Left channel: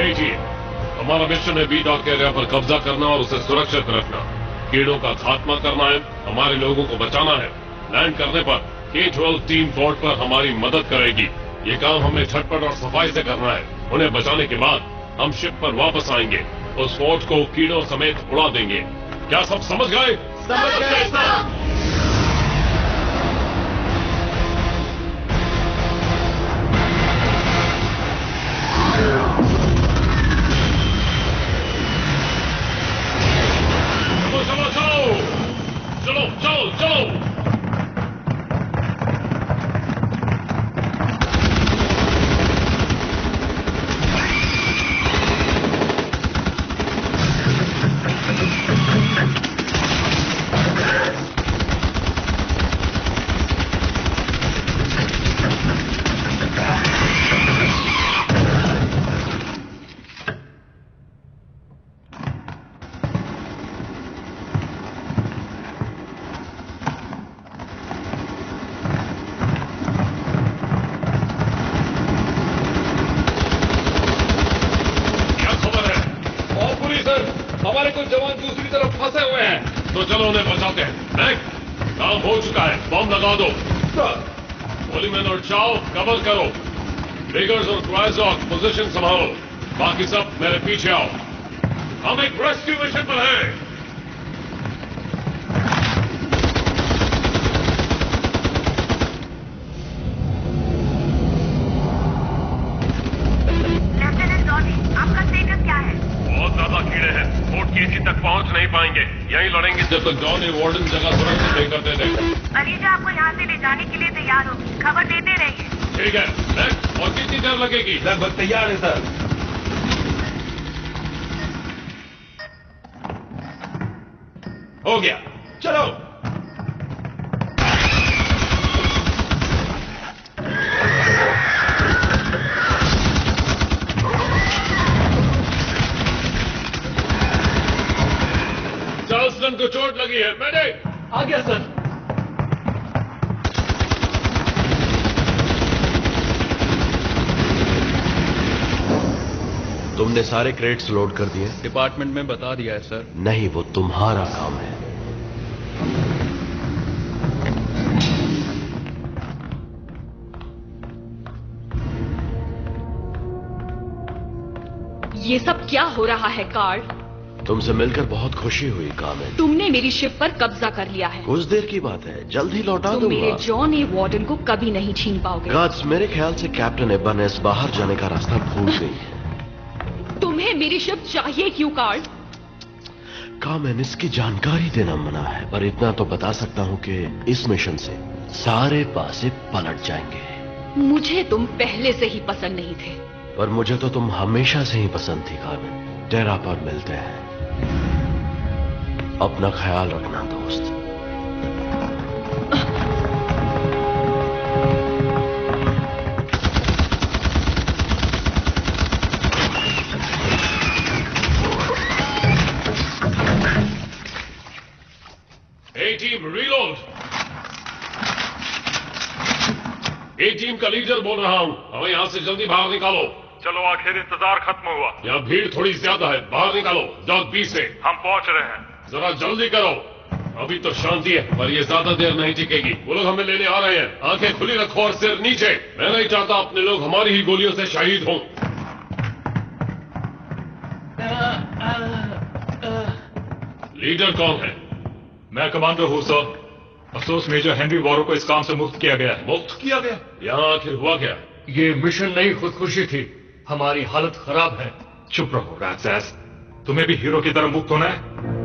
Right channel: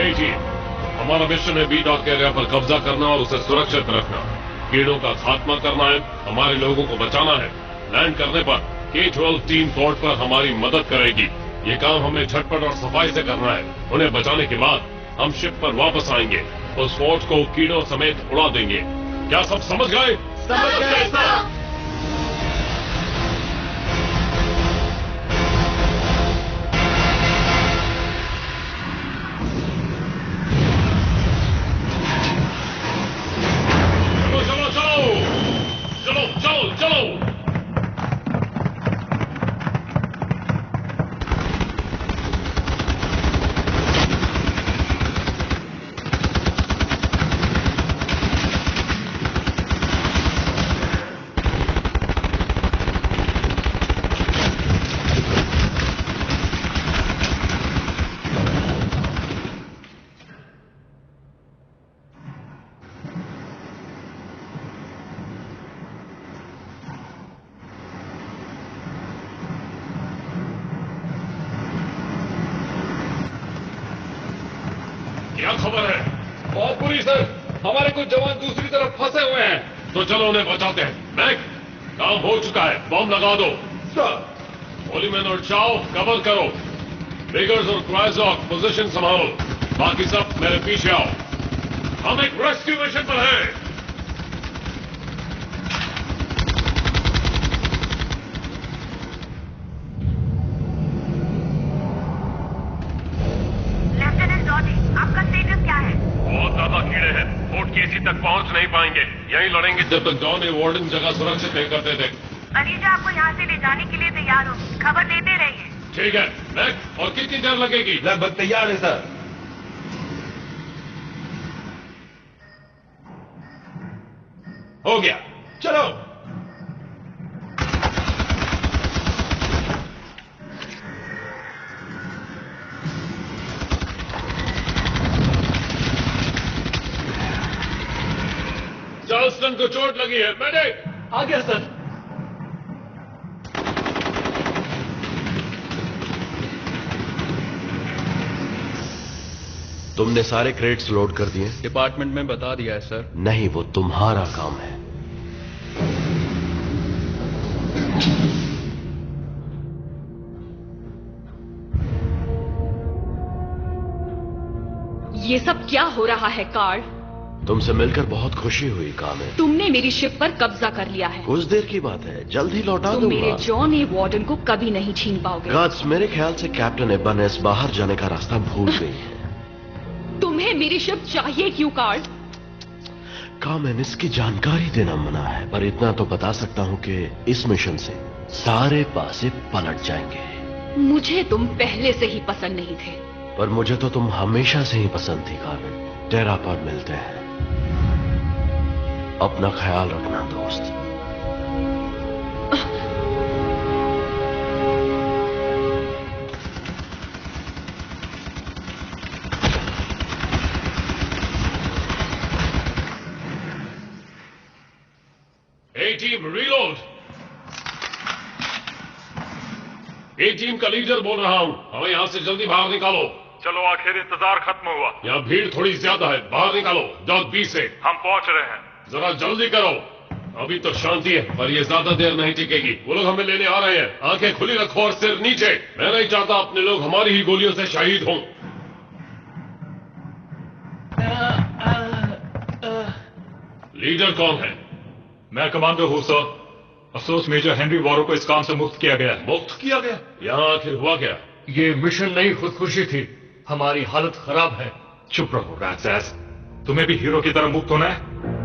Team, हमारा mission है B dock area पर कब्जा करना और उसे सुरक्षित रखना। कीड़ों का खात्मा करना है, हमारे लोगों को बचाना है। लैंड करने पर K-12 टीम पोर्ट पर हमारी मदद करेगी। ये काम हमें झटपट और सफाई से करना है। उन्हें बचाने के बाद हम शिप पर वापस आएंगे, उस फोर्ट को कीड़ों समेत उड़ा देंगे। क्या सब समझ गए? समझ गए सर। चलो। हमारे कुछ जवान दूसरी तरफ फंसे हुए हैं। तो चलो उन्हें बचाते हैं। मैक, काम हो चुका है, बम लगा दो। पोलीमैन और चाओ कवर करो। बिगर्स और क्राइजॉक पोजीशन संभालो। बाकी सब मेरे पीछे आओ। हम एक रेस्क्यू मिशन पर हैं। लेफ्टिनेंट डॉनी, आपका स्टेटस क्या है? बहुत ज्यादा कीड़े हैं, फोर्ट केसी तक पहुंच नहीं पाएंगे। यहीं लड़ेंगे जब तक डॉनी वार्डन जगह सुरक्षित नहीं करते थे। अलीजा आपको यहाँ से ले जाने के लिए तैयार होगी, खबर देते रहिए। ठीक है मैक, और कितनी देर लगेगी? लगभग तैयार है सर। हो गया, चलो। चार्ल्सटन को चोट लगी है। मेडिक आ गया सर। तुमने सारे क्रेट्स लोड कर दिए? डिपार्टमेंट में बता दिया है सर। नहीं, वो तुम्हारा काम है। ये सब क्या हो रहा है कार्ल? तुमसे मिलकर बहुत खुशी हुई कामिल। तुमने मेरी शिप पर कब्जा कर लिया है। कुछ देर की बात है, जल्द ही लौटा तुम दूंगा। मेरे जॉन ए वार्डन को कभी नहीं छीन पाओगे। गार्ड्स, मेरे ख्याल से कैप्टन इबानेस बाहर जाने का रास्ता भूल गई है। तुम्हें मेरी शिप चाहिए क्यों कार्ल? कामिल, इसकी जानकारी देना मना है, पर इतना तो बता सकता हूँ कि इस मिशन से सारे पासे पलट जाएंगे। मुझे तुम पहले से ही पसंद नहीं थे। पर मुझे तो तुम हमेशा से ही पसंद थी कामिल। टेरा पर मिलते हैं। अपना ख्याल रखना दोस्त। ए टीम रीलोड। ए टीम का लीडर बोल रहा हूं, हमें यहां से जल्दी बाहर निकालो। चलो, आखिर इंतजार खत्म हुआ। यहाँ भीड़ थोड़ी ज्यादा है, बाहर निकालो। डॉग बी से हम पहुंच रहे हैं। जरा जल्दी करो। अभी तो शांति है, पर ये ज्यादा देर नहीं टिकेगी। वो लोग हमें लेने आ रहे हैं। आंखें खुली रखो और सिर नीचे। मैं नहीं चाहता अपने लोग हमारी ही गोलियों से शहीद हों। लीडर कौन है? मैं कमांडर हूं सर। अफसोस मेजर हेनरी वॉरो को इस काम से मुक्त किया गया। मुक्त किया गया? यहाँ आखिर हुआ क्या? ये मिशन नहीं, खुदकुशी थी। हमारी हालत खराब है। चुप रहो रैट्स। तुम्हें भी हीरो की तरह मुक्त होना है।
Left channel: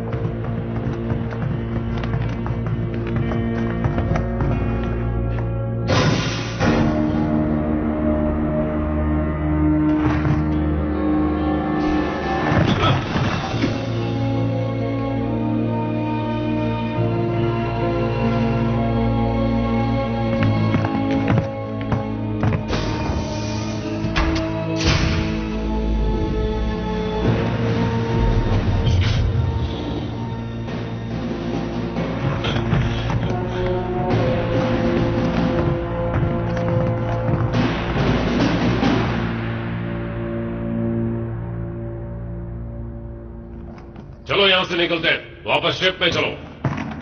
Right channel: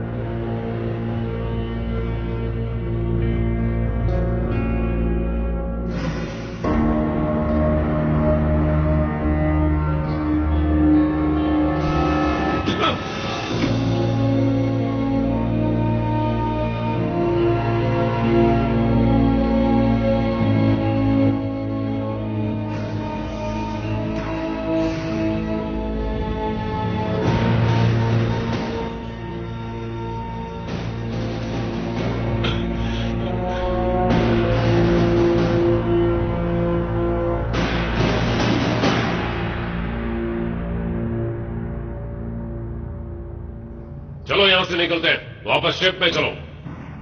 यहां से निकलते हैं। वापस शिप में चलो।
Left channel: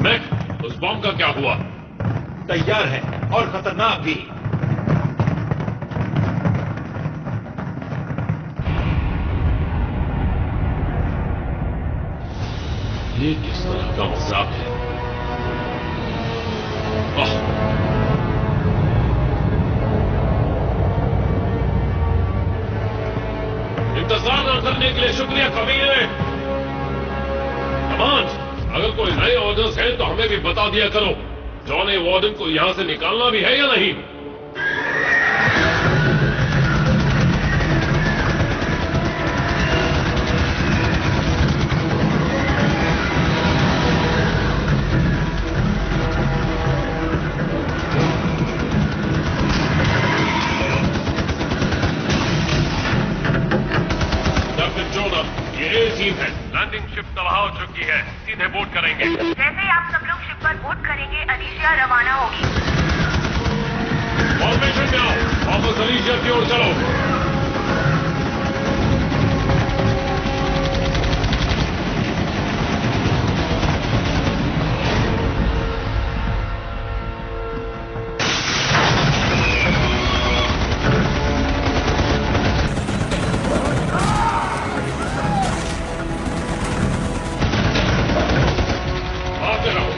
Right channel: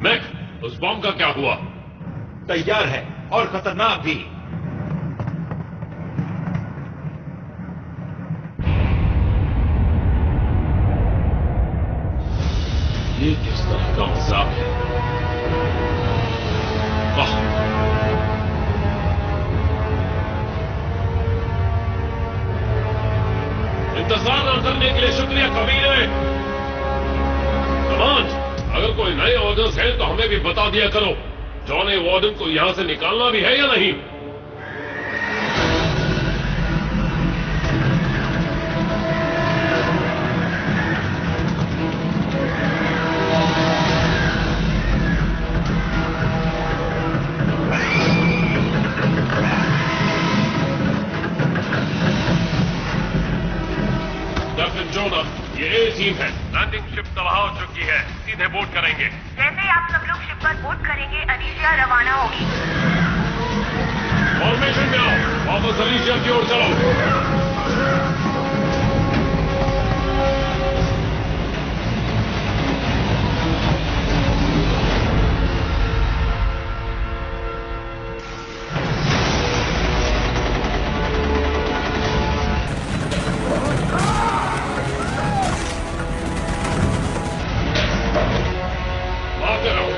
मैक, उस बॉम्ब का क्या हुआ? तैयार है और खतरनाक भी। ये किस तरह का मजाक है? इंतजार न करने के लिए शुक्रिया कबीरे। कमांड, अगर कोई नए ऑर्डर्स हैं तो हमें भी बता दिया करो। जॉनी वार्डन को यहां से निकालना भी है या नहीं? कैप्टन जोना, ये ए टीम है। लैंडिंग शिप तबाह हो चुकी है, सीधे बोट करेंगे। जैसे ही आप सब लोग शिप पर बोट करेंगे, अलीशिया रवाना होगी। फॉर्मेशन में आओ, वापस अलीशिया की ओर चलो।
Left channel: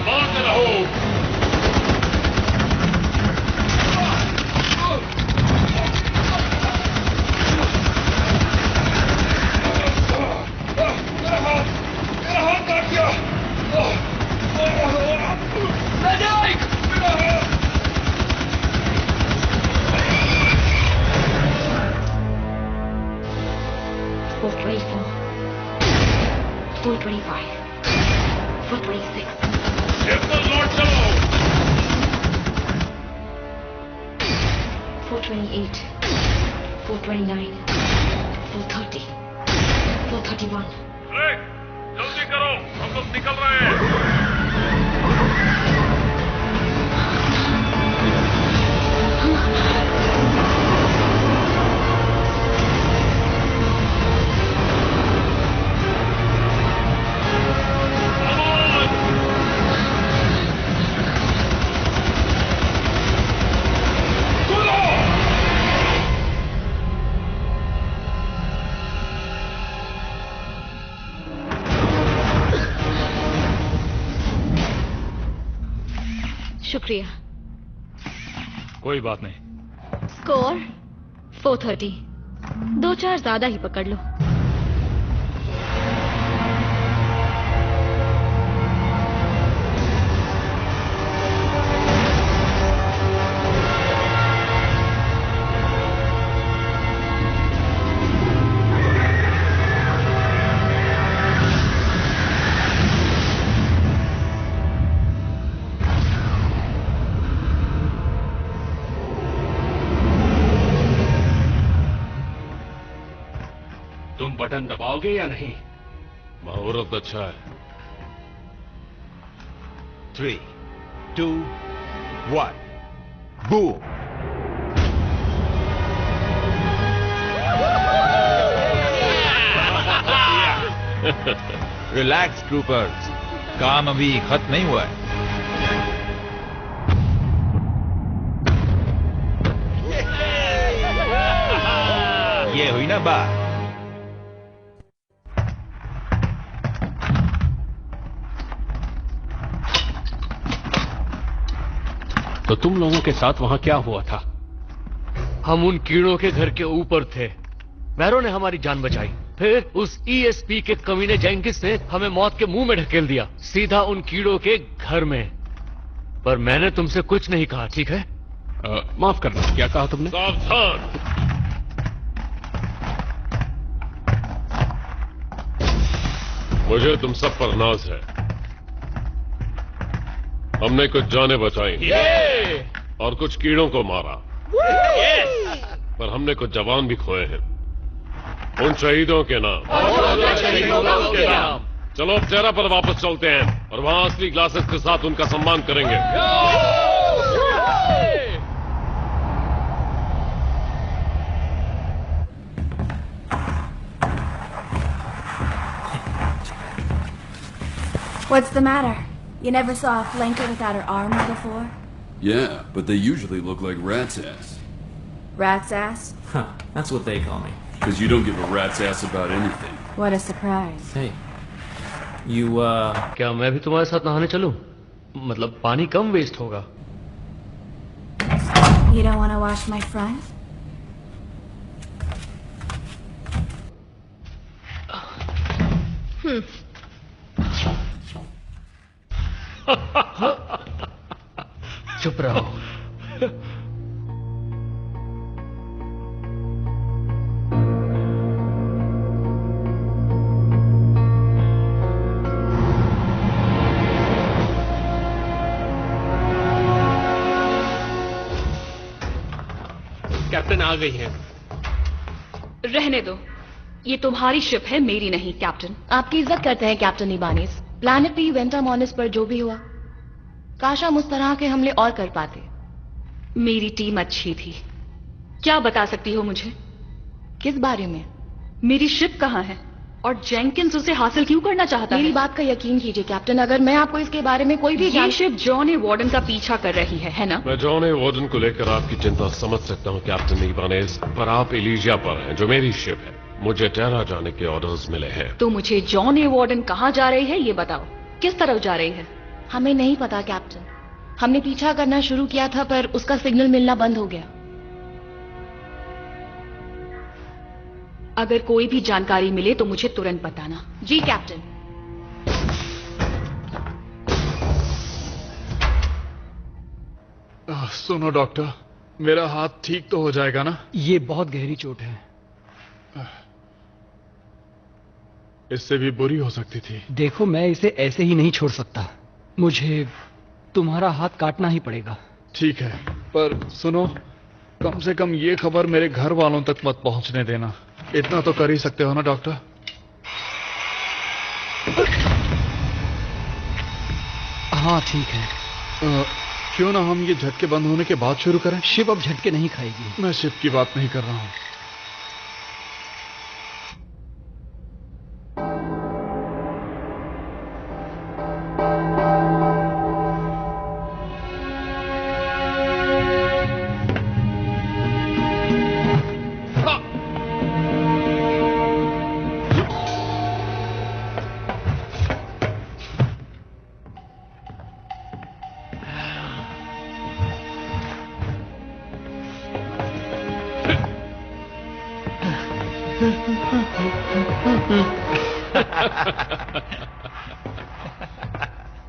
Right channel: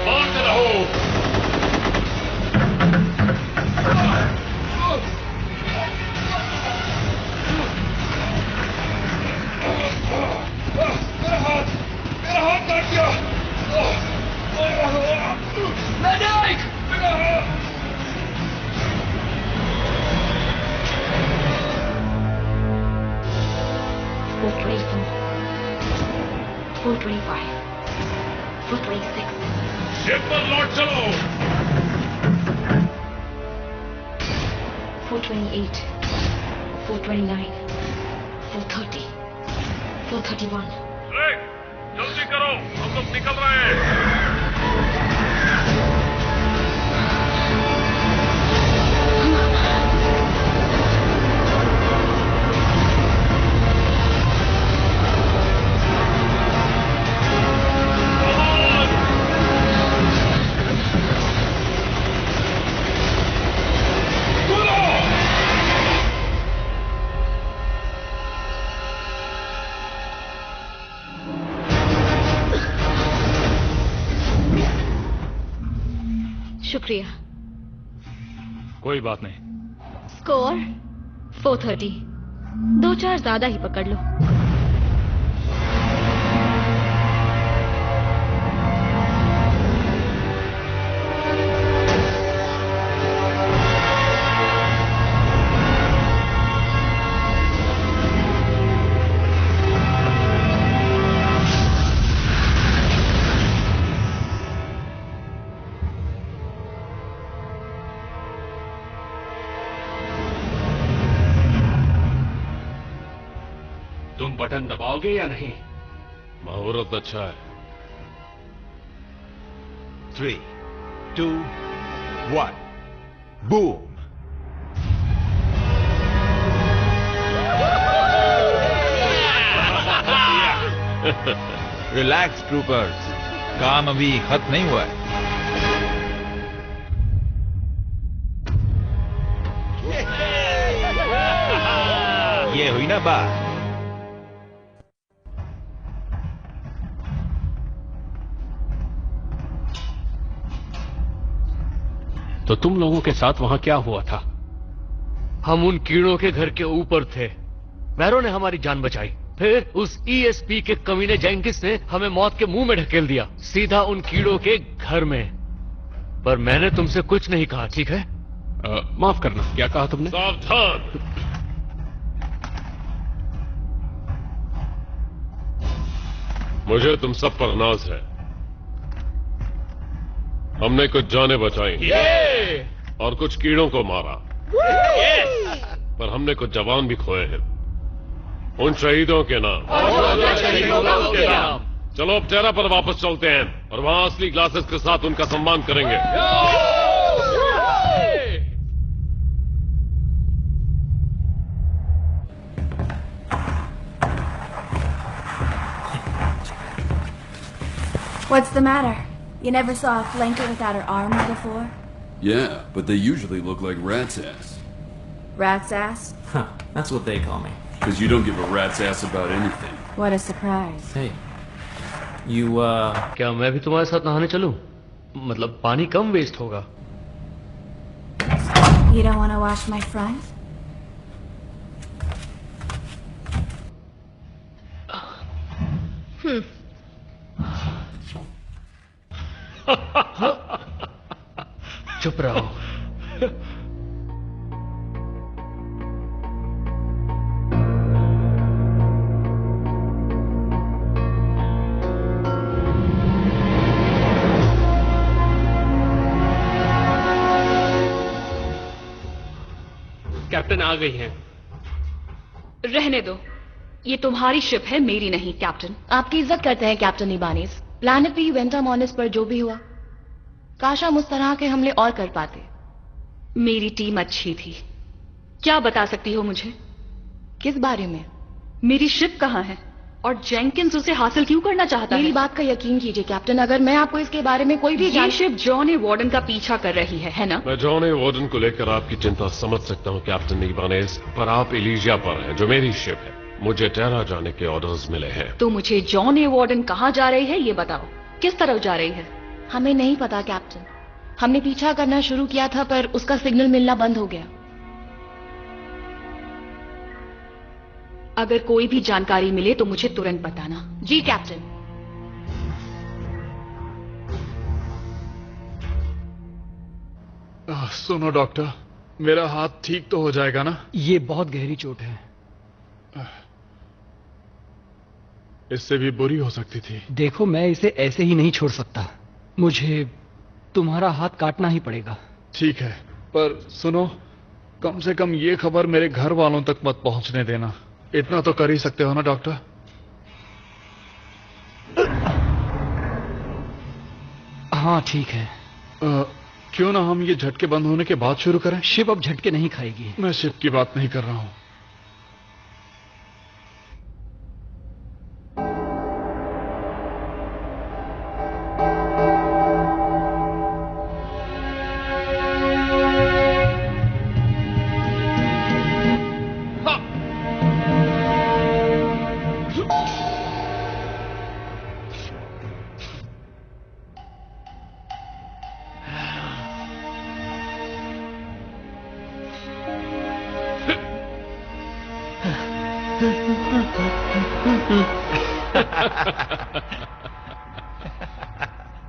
मारते रहो। मेरा हाथ काट दिया। मेडिक! मेरा हाथ! शिप पर लौट चलो। 428, 429, 430, 431. ग्रेग, जल्दी करो, हम लोग निकल रहे हैं। शुक्रिया। कोई बात नहीं। स्कोर 430। 2-4 ज्यादा ही पकड़ लो। तुम बटन दबाओगे या नहीं? मुहूर्त अच्छा है। 3, 2, 1, बूम। रिलैक्स ट्रूपर्स, काम अभी खत्म नहीं हुआ है। ये हुई ना बात। तो तुम लोगों के साथ वहां क्या हुआ था? हम उन कीड़ों के घर के ऊपर थे। बैरो ने हमारी जान बचाई। फिर उस ईएसपी के कमीने जेंकिस ने हमें मौत के मुंह में ढकेल दिया, सीधा उन कीड़ों के घर में। पर मैंने तुमसे कुछ नहीं कहा, ठीक है? माफ करना, क्या कहा तुमने? सावधान। मुझे तुम सब पर नाज है। हमने कुछ जानें बचाई और कुछ कीड़ों को मारा, पर हमने कुछ जवान भी खोए हैं। उन शहीदों के नाम। चलो अब टेरा पर वापस चलते हैं और वहां असली ग्लासेस के साथ उनका सम्मान करेंगे। What's the matter? You never saw a flanker without her armor before? Yeah, but they usually look like rat's ass. Rat's ass? Huh, that's what they call me. Because you don't give a rat's ass about anything. What a surprise. Hey, you, क्या मैं भी तुम्हारे साथ नहाने चलूं? मतलब पानी कम waste होगा। You don't want to wash my front? चुप रहो। कैप्टन आ गई हैं। रहने दो, ये तुम्हारी शिप है, मेरी नहीं। कैप्टन, आपकी इज्जत करते हैं कैप्टन इबानीज। प्लैनेट पी वेंटामॉनिस पर जो भी हुआ, काश हम उस तरह के हमले और कर पाते। मेरी टीम अच्छी थी। क्या बता सकती हो मुझे? किस बारे में? मेरी शिप कहाँ है और जेंकिंस उसे हासिल क्यों करना चाहता है? मेरी बात का यकीन कीजिए कैप्टन, अगर मैं आपको इसके बारे में कोई भी ये शिप जॉन ए वार्डन का पीछा कर रही है ना? मैं जॉन ए वार्डन को लेकर आपकी चिंता समझ सकता हूँ कैप्टन इबानीज, पर आप एलिजिया पर हैं जो मेरी शिप है। मुझे टेरा जाने के ऑर्डर्स मिले हैं। तो मुझे जॉन ए वार्डन कहाँ जा रही है ये बताओ। किस तरफ जा रही है? हमें नहीं पता कैप्टन। हमने पीछा करना शुरू किया था पर उसका सिग्नल मिलना बंद हो गया। अगर कोई भी जानकारी मिले तो मुझे तुरंत बताना। जी कैप्टन। सुनो डॉक्टर, मेरा हाथ ठीक तो हो जाएगा ना? ये बहुत गहरी चोट है। इससे भी बुरी हो सकती थी। देखो, मैं इसे ऐसे ही नहीं छोड़ सकता। मुझे तुम्हारा हाथ काटना ही पड़ेगा। ठीक है, पर सुनो, कम से कम ये खबर मेरे घर वालों तक मत पहुंचने देना। इतना तो कर ही सकते हो ना डॉक्टर? हाँ ठीक है। क्यों ना हम ये झटके बंद होने के बाद शुरू करें? शिप अब झटके नहीं खाएगी। मैं शिप की बात नहीं कर रहा हूं।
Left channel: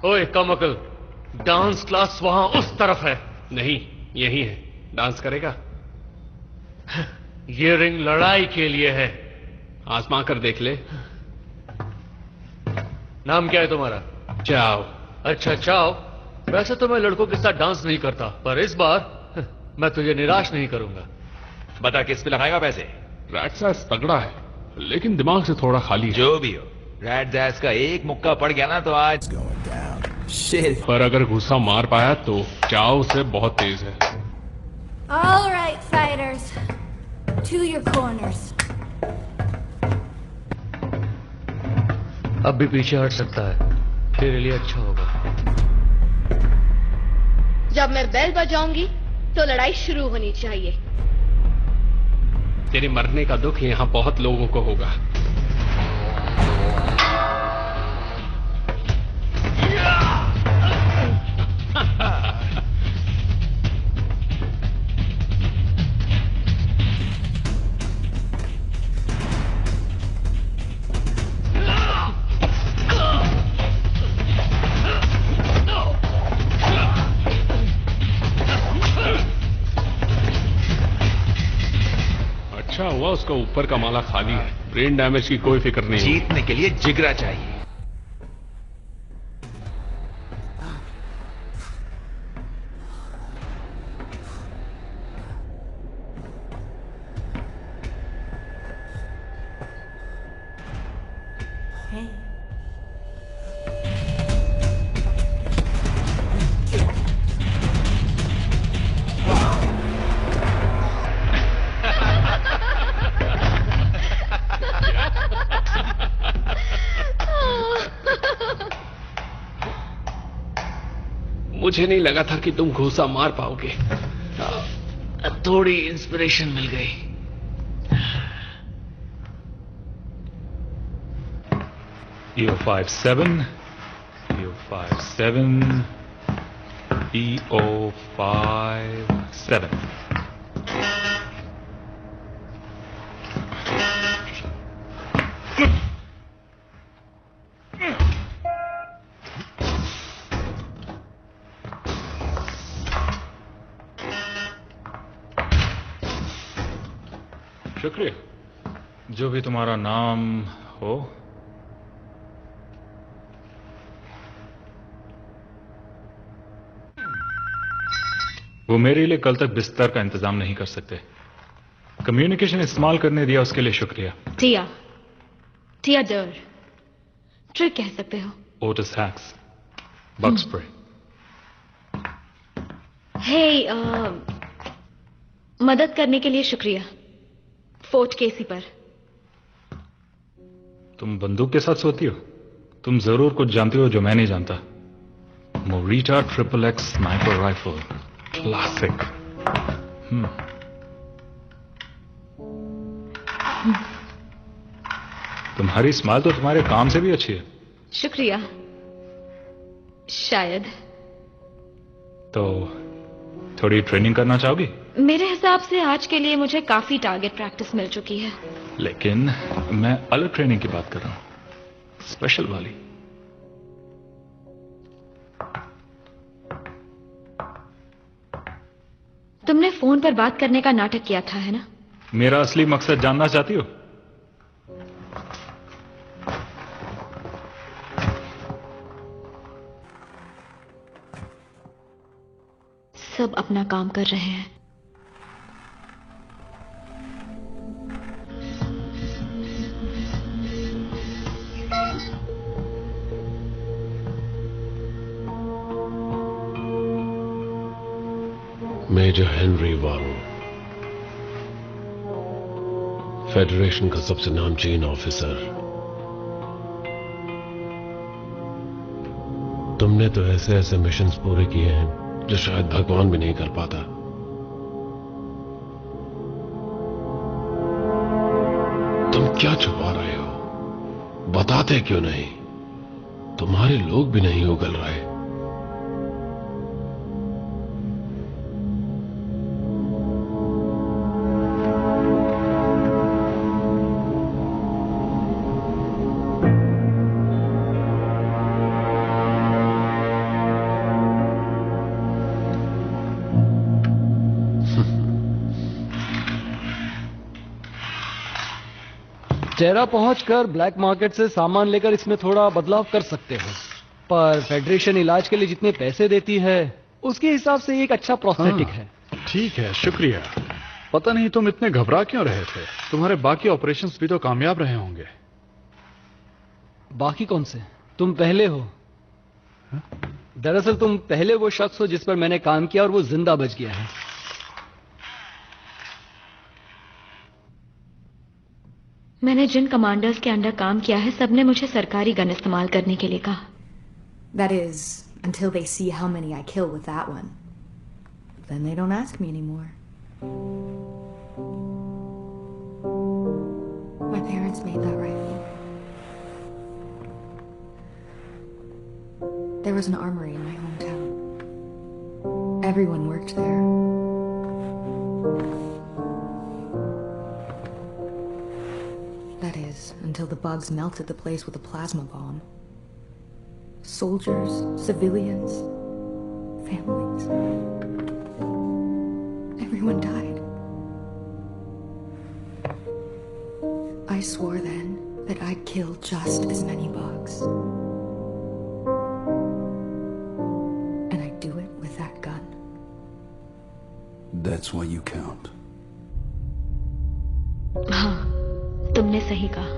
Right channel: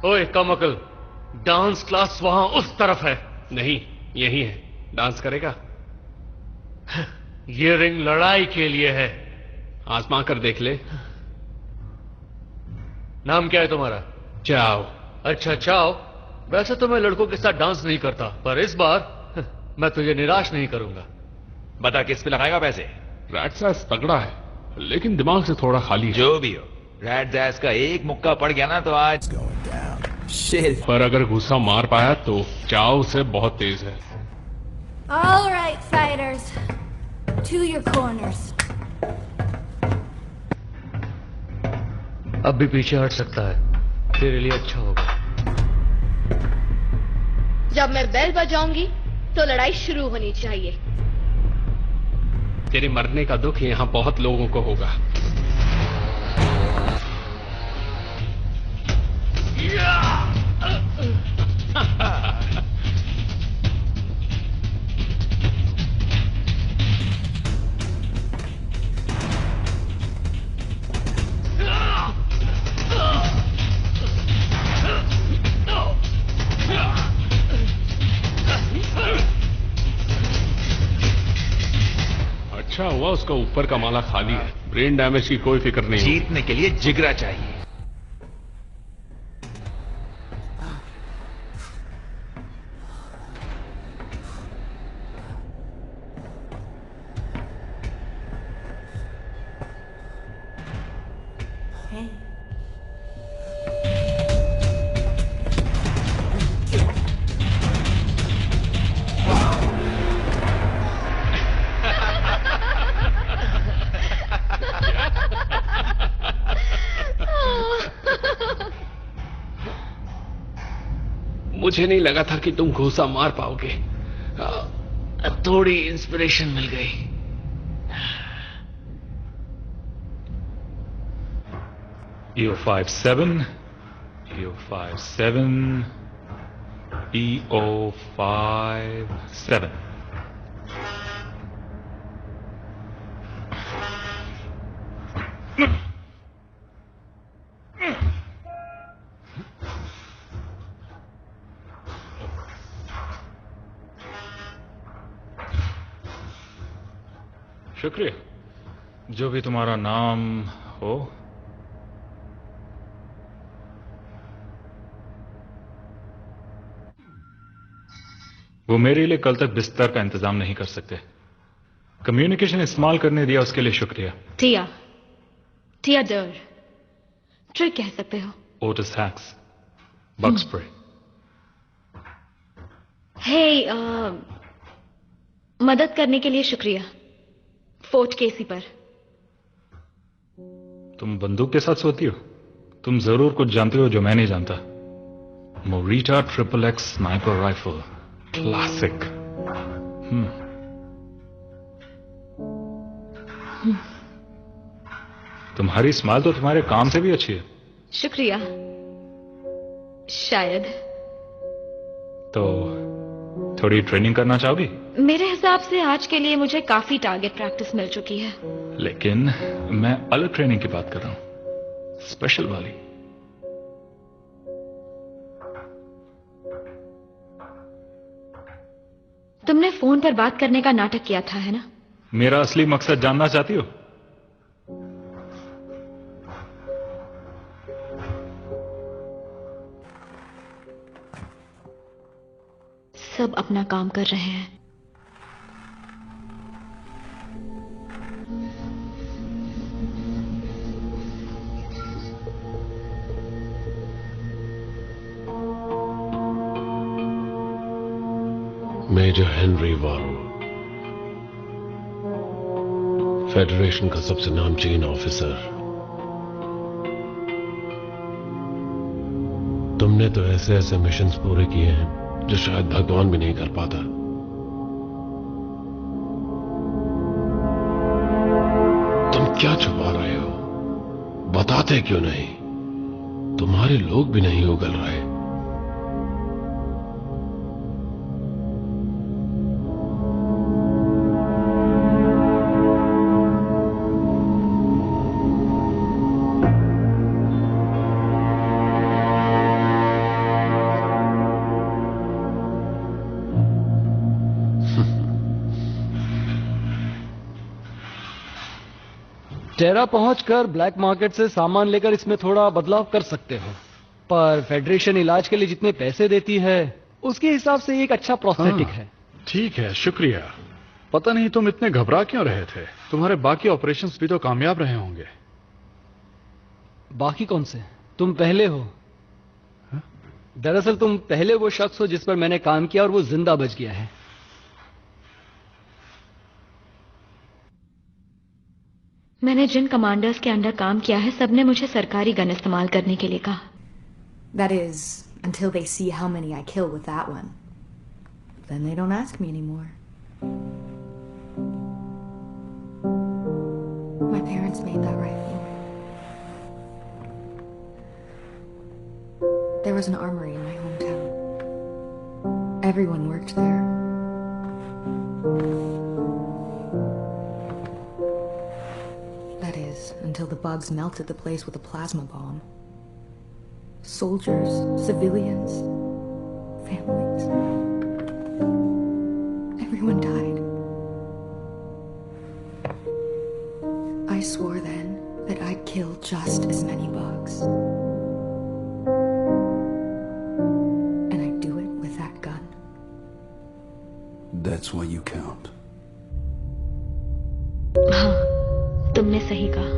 ओए कमअकल, डांस क्लास वहां उस तरफ है। नहीं, यही है। डांस करेगा? ये रिंग लड़ाई के लिए है। आजमा कर देख ले। नाम क्या है तुम्हारा? चाओ। अच्छा चाओ, वैसे तो मैं लड़कों के साथ डांस नहीं करता, पर इस बार मैं तुझे निराश नहीं करूंगा। बता किस पे लगाएगा पैसे? रैट सैस तगड़ा है, लेकिन दिमाग से थोड़ा खाली है। जो भी हो, रैट सैस का एक मुक्का पड़ गया ना तो आज पर अगर गुस्सा मार पाया तो चाओ से बहुत तेज है। All right, fighters, to your corners. अब भी पीछे हट सकता है, तेरे लिए अच्छा होगा। जब मैं बेल बजाऊंगी तो लड़ाई शुरू होनी चाहिए। तेरे मरने का दुख यहाँ बहुत लोगों को होगा। अच्छा हुआ उसका ऊपर का माला खाली है। ब्रेन डैमेज की कोई फिक्र नहीं। जीतने के लिए जिगरा चाहिए। Hey. मुझे नहीं लगा था कि तुम घूसा मार पाओगे। थोड़ी इंस्पिरेशन मिल गई। EO57, EO57, EO57. शुक्रिया। जो भी तुम्हारा नाम हो। वो मेरे लिए कल तक बिस्तर का इंतजाम नहीं कर सकते। कम्युनिकेशन इस्तेमाल करने दिया उसके लिए शुक्रिया। टिया डर ट्रिक कह सकते हो। Otis hacks, bug spray. हे मदद करने के लिए शुक्रिया फोर्ट केसी पर। तुम बंदूक के साथ सोती हो? तुम जरूर कुछ जानती हो जो मैं नहीं जानता। Morita XXX sniper rifle, classic. तुम्हारी स्माइल तो तुम्हारे काम से भी अच्छी है। शुक्रिया। शायद। तो थोड़ी ट्रेनिंग करना चाहोगी? मेरे हिसाब से आज के लिए मुझे काफी टारगेट प्रैक्टिस मिल चुकी है। लेकिन मैं अलग ट्रेनिंग की बात कर रहा हूं, स्पेशल वाली। तुमने फोन पर बात करने का नाटक किया था, है ना? मेरा असली मकसद जानना चाहती हो? सब अपना काम कर रहे हैं। मेजर हेनरी वारो, फेडरेशन का सबसे नामचीन ऑफिसर। तुमने तो ऐसे ऐसे मिशंस पूरे किए हैं जो शायद भगवान भी नहीं कर पाता। तुम क्या छुपा रहे हो? बताते क्यों नहीं? तुम्हारे लोग भी नहीं उगल रहे। टेरा पहुंचकर ब्लैक मार्केट से सामान लेकर इसमें थोड़ा बदलाव कर सकते हो, पर फेडरेशन इलाज के लिए जितने पैसे देती है उसके हिसाब से एक अच्छा प्रोस्थेटिक है। ठीक है, शुक्रिया। पता नहीं तुम इतने घबरा क्यों रहे थे? तुम्हारे बाकी ऑपरेशंस भी तो कामयाब रहे होंगे। बाकी कौन से? तुम पहले हो। दरअसल तुम पहले वो शख्स हो जिस पर मैंने काम किया और वो जिंदा बच गया है। मैंने जिन कमांडर्स के अंडर काम किया है सबने मुझे सरकारी गन इस्तेमाल करने के लिए कहा। That is, until they see how many I kill with that one. Then they don't ask me anymore. My parents made that rifle. There was an armory in my hometown. Everyone worked there. That is, until the bugs melted the place with a plasma bomb. Soldiers, civilians, families. Everyone died. I swore then that I'd kill just as many bugs. And I'd do it with that gun. That's why you count. हाँ, तुमने सही कहा।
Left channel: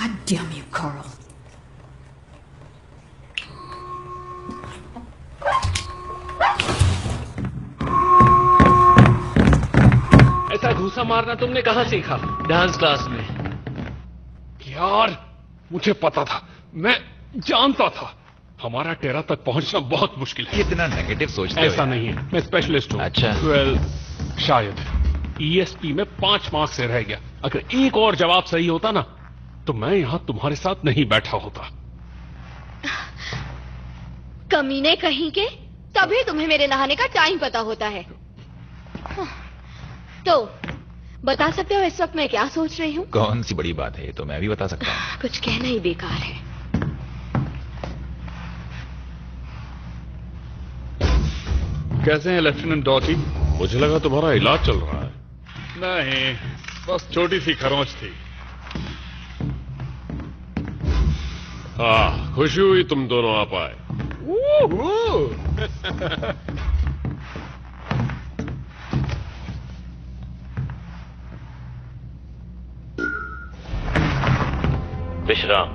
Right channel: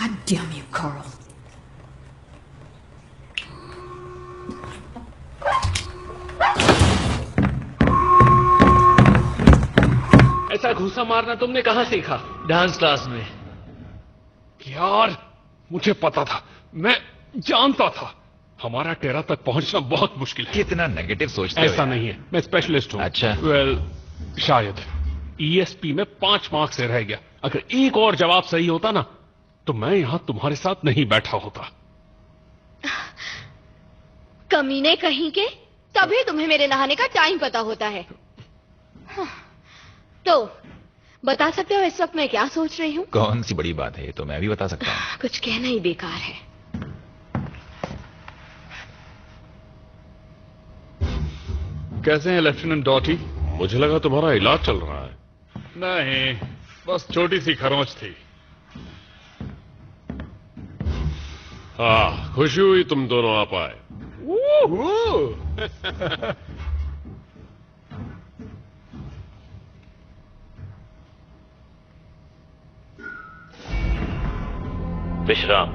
God damn you, Carl. ऐसा घूसा मारना तुमने कहां सीखा? Dance class में। यार, मुझे पता था, मैं जानता था हमारा टेरा तक पहुंचना बहुत मुश्किल है। कितना नेगेटिव सोचते हो? ऐसा नहीं है, मैं स्पेशलिस्ट हूं। अच्छा। वेल, शायद ईएसपी में 5 मार्क्स से रह गया। अगर एक और जवाब सही होता ना, तो मैं यहां तुम्हारे साथ नहीं बैठा होता। कमीने कहीं के, तभी तुम्हें मेरे नहाने का टाइम पता होता है। तो बता सकते हो इस वक्त मैं क्या सोच रही हूँ? कौन सी बड़ी बात है, ये तो मैं भी बता सकता हूँ। कुछ कहना ही बेकार है। कैसे हैं लेफ्टिनेंट डॉटी? मुझे लगा तुम्हारा इलाज चल रहा है। नहीं, बस छोटी सी खरोंच थी। हाँ, खुशी हुई तुम दोनों आ पाए। विश्राम।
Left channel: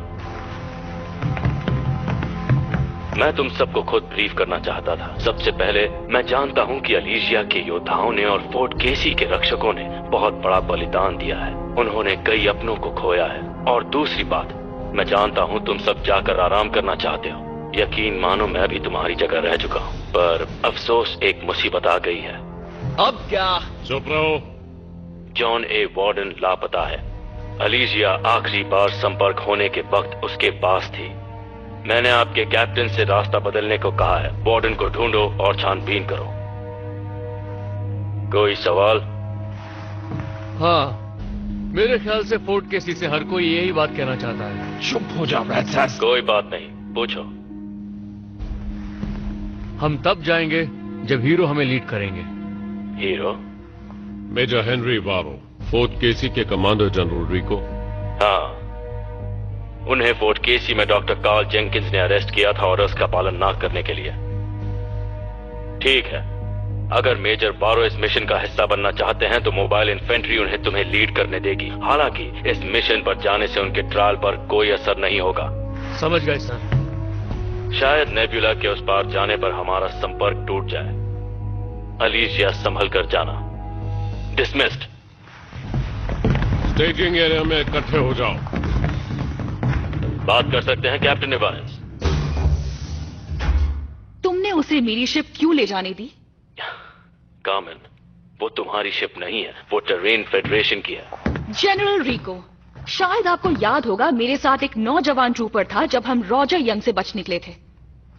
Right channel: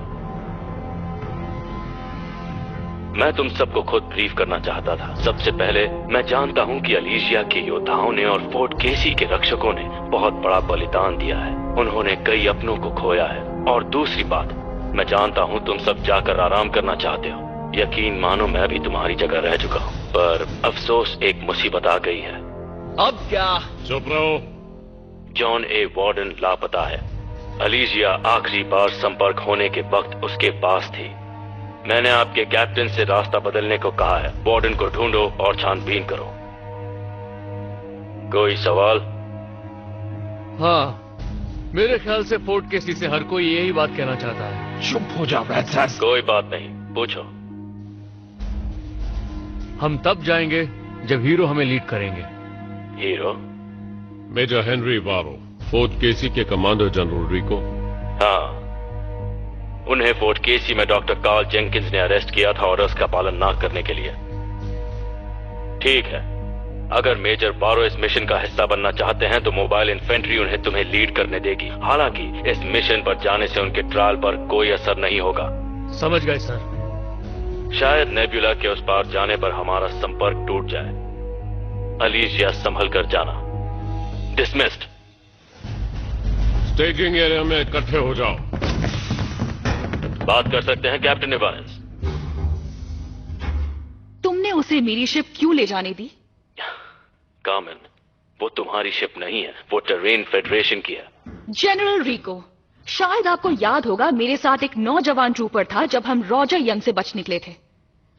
मैं तुम सबको खुद ब्रीफ करना चाहता था। सबसे पहले, मैं जानता हूं कि अलीशिया के योद्धाओं ने और फोर्ट केसी के रक्षकों ने बहुत बड़ा बलिदान दिया है। उन्होंने कई अपनों को खोया है। और दूसरी बात, मैं जानता हूं तुम सब जाकर आराम करना चाहते हो। यकीन मानो मैं भी तुम्हारी जगह रह चुका हूं, पर अफसोस एक मुसीबत आ गई है। अब क्या? चुप रहो। जॉन ए वार्डन लापता है। अलीशिया आखिरी बार संपर्क होने के वक्त उसके पास थी। मैंने आपके कैप्टन से रास्ता बदलने को कहा है। वार्डन को ढूंढो और छानबीन करो। कोई सवाल? हाँ, मेरे ख्याल से फोर्ट केसी से हर कोई यही बात कहना चाहता है। चुप हो जाओ रैट्स। कोई बात नहीं, पूछो। हम तब जाएंगे जब हीरो हमें लीड करेंगे। हीरो? मेजर हेनरी वारो, फोर्ट केसी के कमांडर जनरल रिको। हाँ, उन्हें फोर्ट केसी में डॉक्टर कार्ल जेंकिंस ने अरेस्ट किया था ऑर्डर्स का पालन ना करने के लिए। ठीक है, अगर मेजर बारो इस मिशन का हिस्सा बनना चाहते हैं तो मोबाइल इन्फेंट्री उन्हें तुम्हें लीड करने देगी। हालांकि इस मिशन पर जाने से उनके ट्रायल पर कोई असर नहीं होगा। समझ गए सर। शायद नेब्यूला के उस पार जाने पर हमारा संपर्क टूट जाए। अलीशिया संभल कर जाना। डिसमिस्ड। स्टेजिंग एरिया में इकट्ठे हो जाओ। बात कर सकते हैं कैप्टन इवांस। तुमने उसे मेरी शिप क्यों ले जाने दी? कामन, वो तुम्हारी शिप नहीं है, वो टेरेन फेडरेशन की है। जनरल रिको, शायद आपको याद होगा मेरे साथ एक नौजवान ट्रूपर था जब हम रॉजर यंग से बच निकले थे।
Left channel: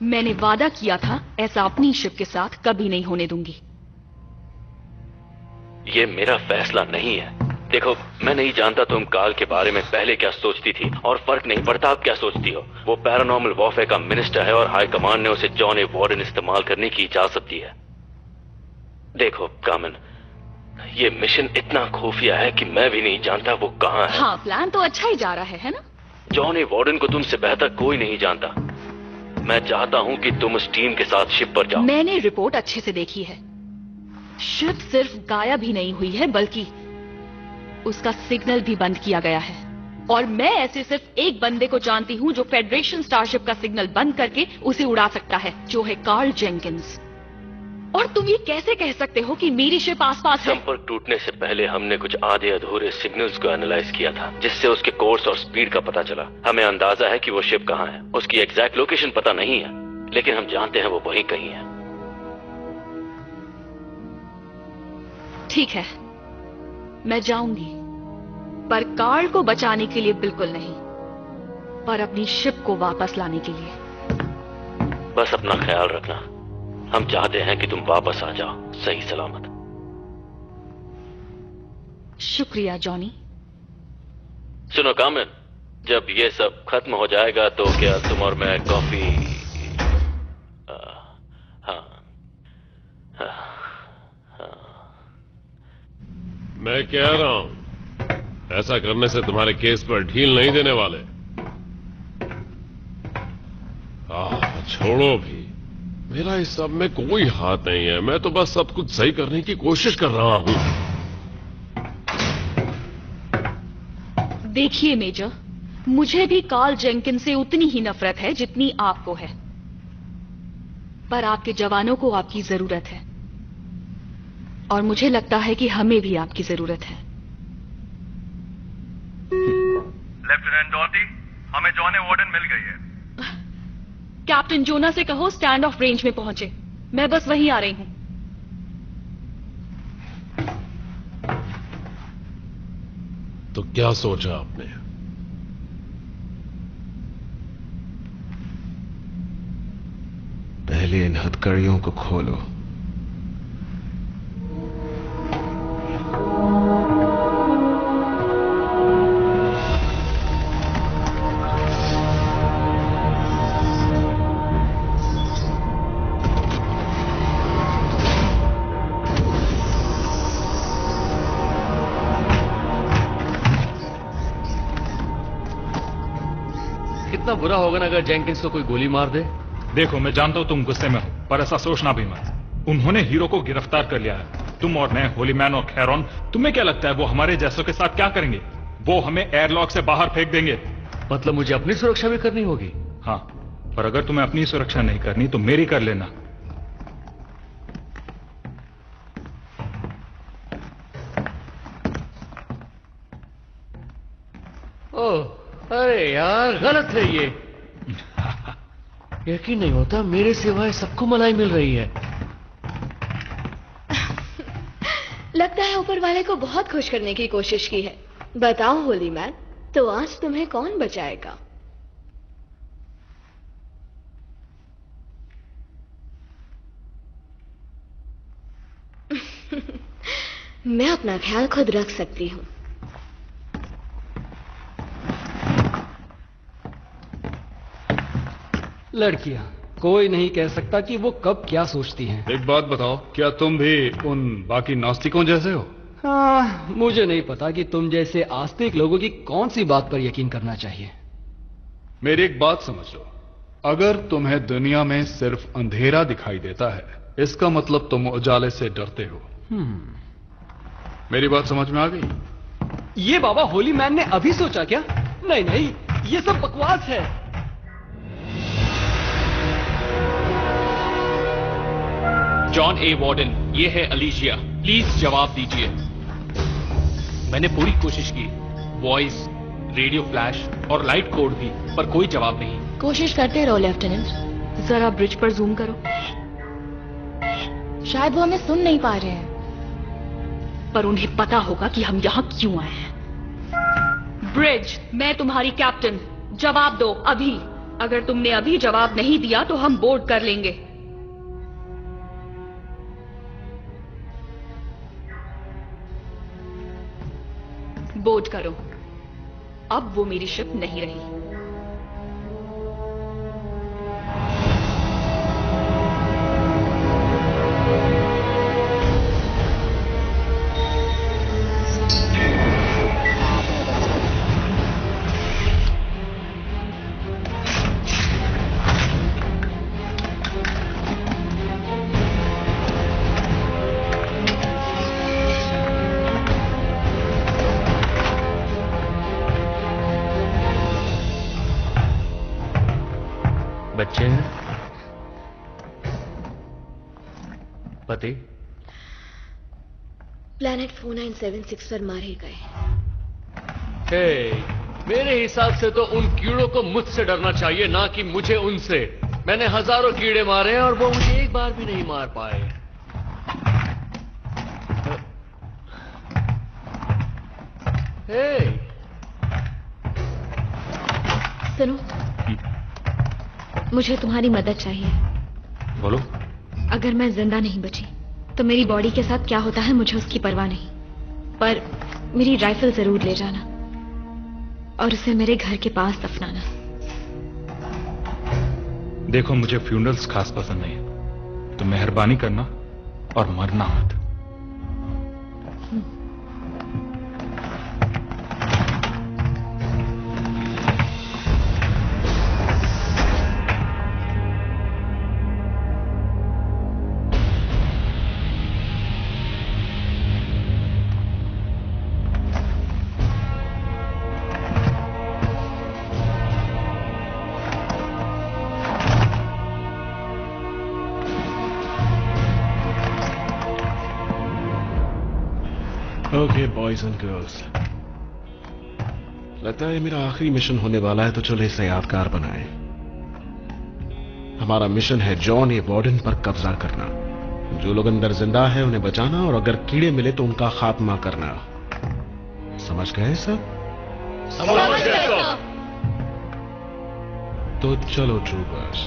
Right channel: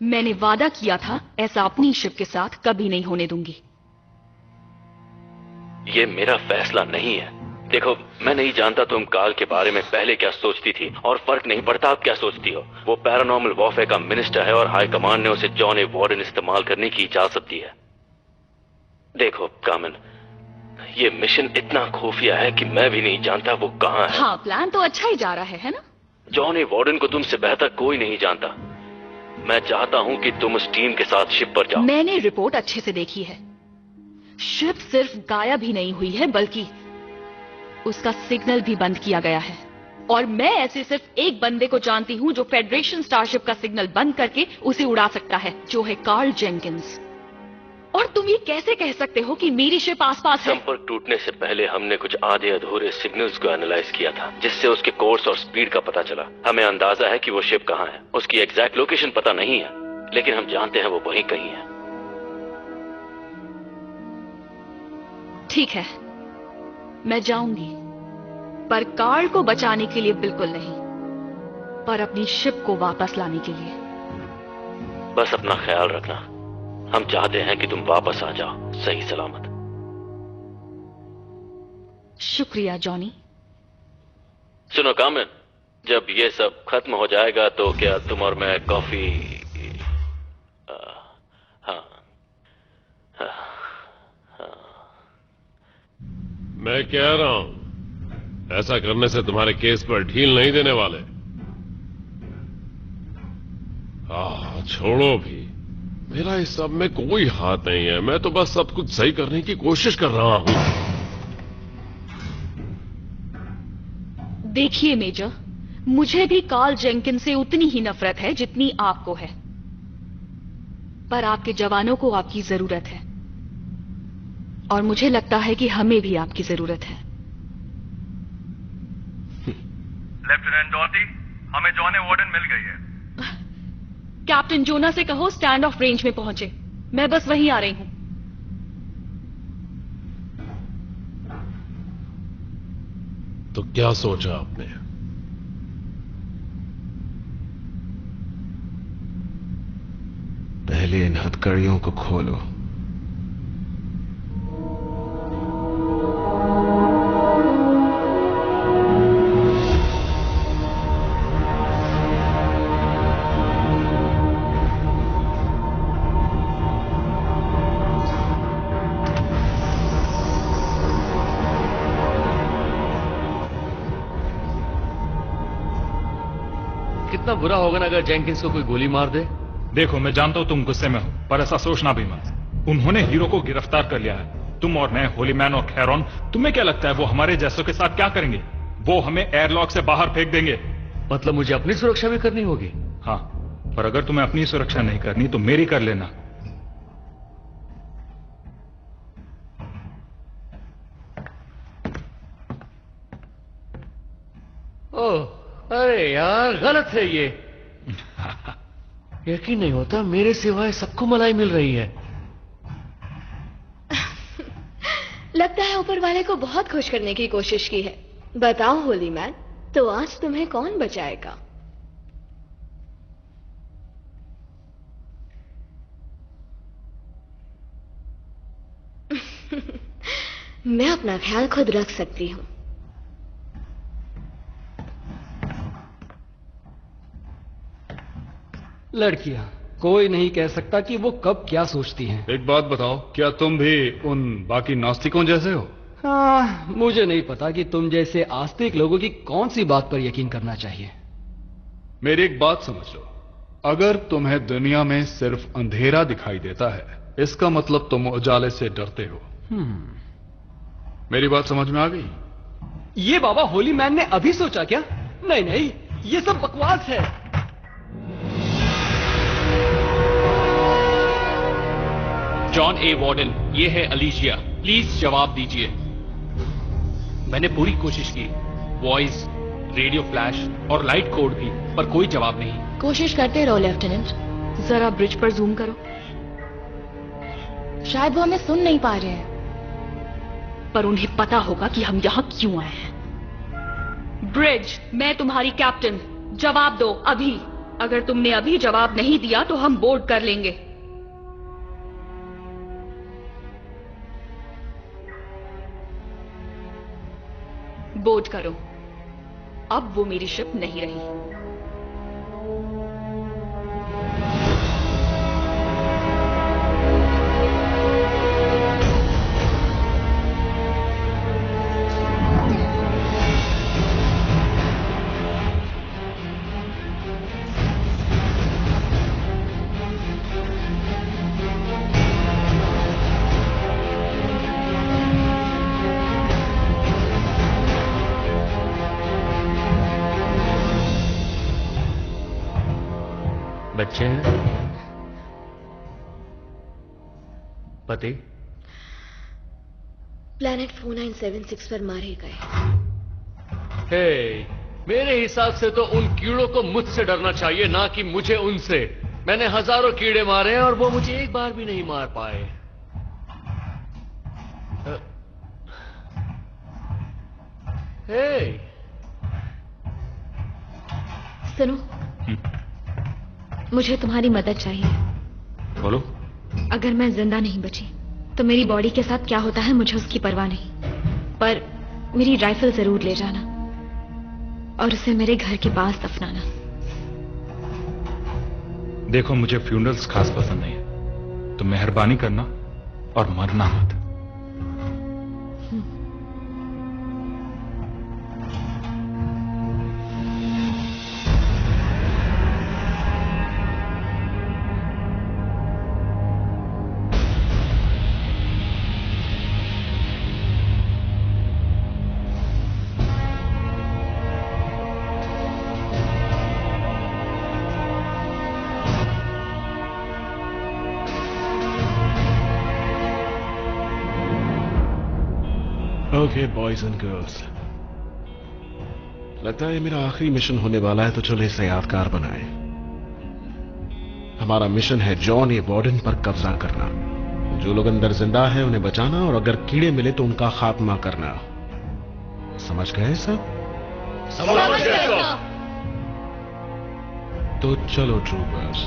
मैंने वादा किया था ऐसा अपनी शिप के साथ कभी नहीं होने दूंगी। ये मेरा फैसला नहीं है। देखो, मैं नहीं जानता तुम काल के बारे में पहले क्या सोचती थी, और फर्क नहीं पड़ता आप क्या सोचती हो। वो पैरानॉर्मल वॉरफेयर का मिनिस्टर है और हाई कमांड ने उसे जॉन ए वार्डन इस्तेमाल करने की इजाजत दी है। देखो कामन, ये मिशन इतना खुफिया है कि मैं भी नहीं जानता वो कहाँ है। हाँ, प्लान तो अच्छा ही जा रहा है ना? जॉन ए वार्डन को तुमसे बेहतर कोई नहीं जानता। मैं चाहता हूँ कि तुम उस टीम के साथ शिप पर जाओ। मैंने रिपोर्ट अच्छे से देखी है। शिप सिर्फ गायब ही नहीं हुई है, बल्कि उसका सिग्नल भी बंद किया गया है। और मैं ऐसे सिर्फ एक बंदे को जानती हूँ जो फेडरेशन स्टारशिप का सिग्नल बंद करके उसे उड़ा सकता है, जो है कार्ल जेंकिंस। और तुम ये कैसे कह सकते हो कि मेरी शिप आसपास है? संपर्क टूटने से पहले हमने कुछ आधे अधूरे सिग्नल्स को एनालाइज किया था, जिससे उसके कोर्स और स्पीड का पता चला। हमें अंदाजा है कि वो शिप कहाँ है। उसकी एग्जैक्ट लोकेशन पता नहीं है, लेकिन हम जानते हैं वो वहीं कहीं है। ठीक है, मैं जाऊंगी, पर कार्ल को बचाने के लिए बिल्कुल नहीं, पर अपनी शिप को वापस लाने के लिए। बस अपना ख्याल रखना। हम चाहते हैं कि तुम वापस आ जाओ सही सलामत। शुक्रिया जॉनी। सुनो कामन, जब ये सब खत्म हो जाएगा तो क्या तुम और मैं कॉफी? मैं कह रहा हूं, ऐसा करने से तुम्हारे केस पर ढील नहीं देने वाले। छोड़ो भी, मेरा इस सब में कोई हाथ नहीं है। मैं तो बस सब कुछ सही करने की कोशिश कर रहा हूं। देखिए मेजर, मुझे भी कार्ल जेंकिंस से उतनी ही नफरत है जितनी आपको है, पर आपके जवानों को आपकी जरूरत है और मुझे लगता है कि हमें भी आपकी जरूरत है। लेफ्टिनेंट डॉटी, हमें जॉन ए वार्डन मिल गई है। कैप्टन जोना से कहो स्टैंड ऑफ रेंज में पहुंचे, मैं बस वहीं आ रही हूं। तो क्या सोचा आपने? पहले इन हथकड़ियों को खोलो। कितना बुरा होगा ना अगर जेंकिंस को कोई गोली मार दे। देखो, मैं जानता हूं तुम गुस्से में हो, पर ऐसा सोचना भी मत। उन्होंने हीरो को गिरफ्तार कर लिया है। तुम और मैं, होली मैन और खैरॉन, तुम्हें क्या लगता है वो हमारे जैसों के साथ क्या करेंगे? वो हमें एयरलॉक से बाहर फेंक देंगे। मतलब मुझे अपनी सुरक्षा भी करनी होगी? हाँ, पर अगर तुम्हें अपनी सुरक्षा नहीं करनी तो मेरी कर लेना। ओह, अरे यार, गलत है ये। यकीन नहीं होता, मेरे सिवाय सबको मलाई मिल रही है। लगता है ऊपर वाले को बहुत खुश करने की कोशिश की है। बताओ होली मैन, तो आज तुम्हें कौन बचाएगा? मैं अपना ख्याल खुद रख सकती हूँ। लड़कियां, कोई नहीं कह सकता कि वो कब क्या सोचती हैं। एक बात बताओ, क्या तुम भी उन बाकी नास्तिकों जैसे हो? हाँ, मुझे नहीं पता कि तुम जैसे आस्तिक लोगों की कौन सी बात पर यकीन करना चाहिए। मेरी एक बात समझ लो, अगर तुम्हें दुनिया में सिर्फ अंधेरा दिखाई देता है, इसका मतलब तुम उजाले से डरते हो। मेरी बात समझ में आ गई? ये बाबा होली मैन ने अभी सोचा क्या? नहीं नहीं, ये सब बकवास है। जॉन ए वार्डन, ये है अलीशिया, प्लीज जवाब दीजिए। मैंने पूरी कोशिश की, वॉइस, रेडियो फ्लैश और लाइट कोड भी, पर कोई जवाब नहीं। कोशिश करते रहो लेफ्टिनेंट। जरा ब्रिज पर जूम करो। शायद वो हमें सुन नहीं पा रहे हैं, पर उन्हें पता होगा कि हम यहां क्यों आए हैं। ब्रिज, मैं तुम्हारी कैप्टन, जवाब दो अभी। अगर तुमने अभी जवाब नहीं दिया तो हम बोर्ड कर लेंगे। बोर्ड करो। अब वो मेरी शिप नहीं रही। बच्चे हैं? पति? प्लैनेट 4976 पर मारे गए। हे, मेरे हिसाब से तो उन कीड़ों को मुझसे डरना चाहिए, ना कि मुझे उनसे। मैंने हजारों कीड़े मारे हैं और वो मुझे एक बार भी नहीं मार पाए। हे, सुनो, मुझे तुम्हारी मदद चाहिए। बोलो। अगर मैं जिंदा नहीं बची तो मेरी बॉडी के साथ क्या होता है मुझे उसकी परवाह नहीं, पर मेरी राइफल जरूर ले जाना और उसे मेरे घर के पास दफनाना। देखो, मुझे फ्यूनरल्स खास पसंद नहीं है, तो मेहरबानी करना और मरना मत। ओके बॉयज एंड गर्ल्स, लगता है मेरा आखिरी मिशन होने वाला है, तो चलो इसे यादगार बनाएं। हमारा मिशन है जॉन ए वार्डन पर कब्जा करना। जो लोग अंदर जिंदा है उन्हें बचाना, और अगर कीड़े मिले तो उनका खात्मा करना। समझ गए सब? समझ गए। तो चलो ट्रूपर्स,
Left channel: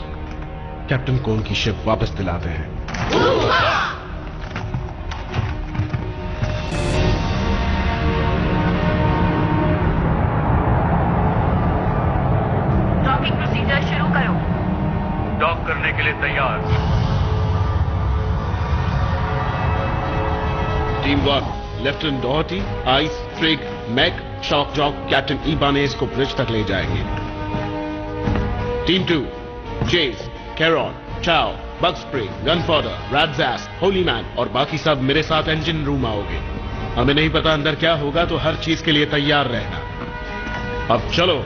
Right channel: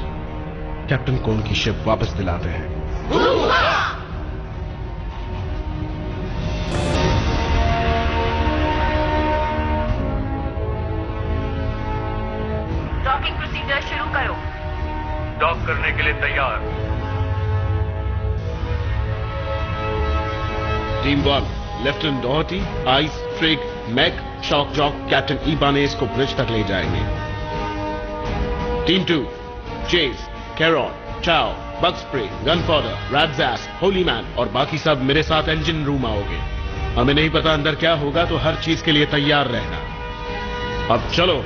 कैप्टन कोन की शिप वापस दिलाते हैं। डॉकिंग प्रोसीजर शुरू करो। डॉक करने के लिए तैयार। Team 1, lieutenant Doherty, Ice, Trig, Mac, Shock Jock, captain Ibanez को ब्रिज तक ले जाएंगे। Team 2, Chase, Caron, Chao, Bug Spray, Gunfodder, Rats, Holy Man और बाकी सब मेरे साथ इंजन रूम आओगे। हमें नहीं पता अंदर क्या होगा, तो हर चीज के लिए तैयार रहना। अब चलो।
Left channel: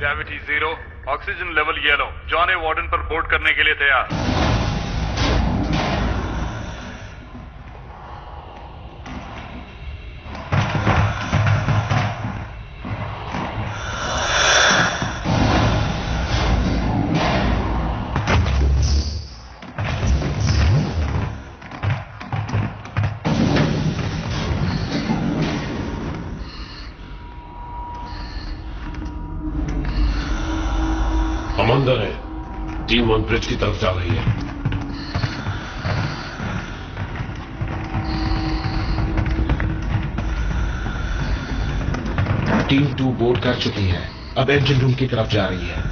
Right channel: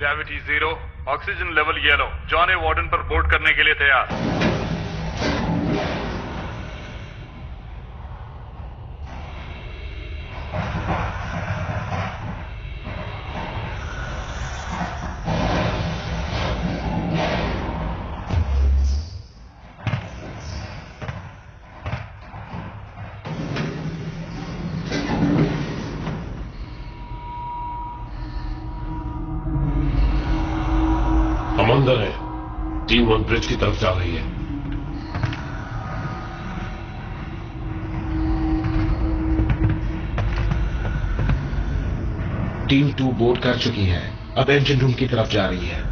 Gravity 0, oxygen level yellow. John A Warden पर बोर्ड करने के लिए तैयार। हम अंदर है। टीम 1 ब्रिज की तरफ जा रही है। टीम 2 बोर्ड कर चुकी है, अब इंजन रूम की तरफ जा रही है।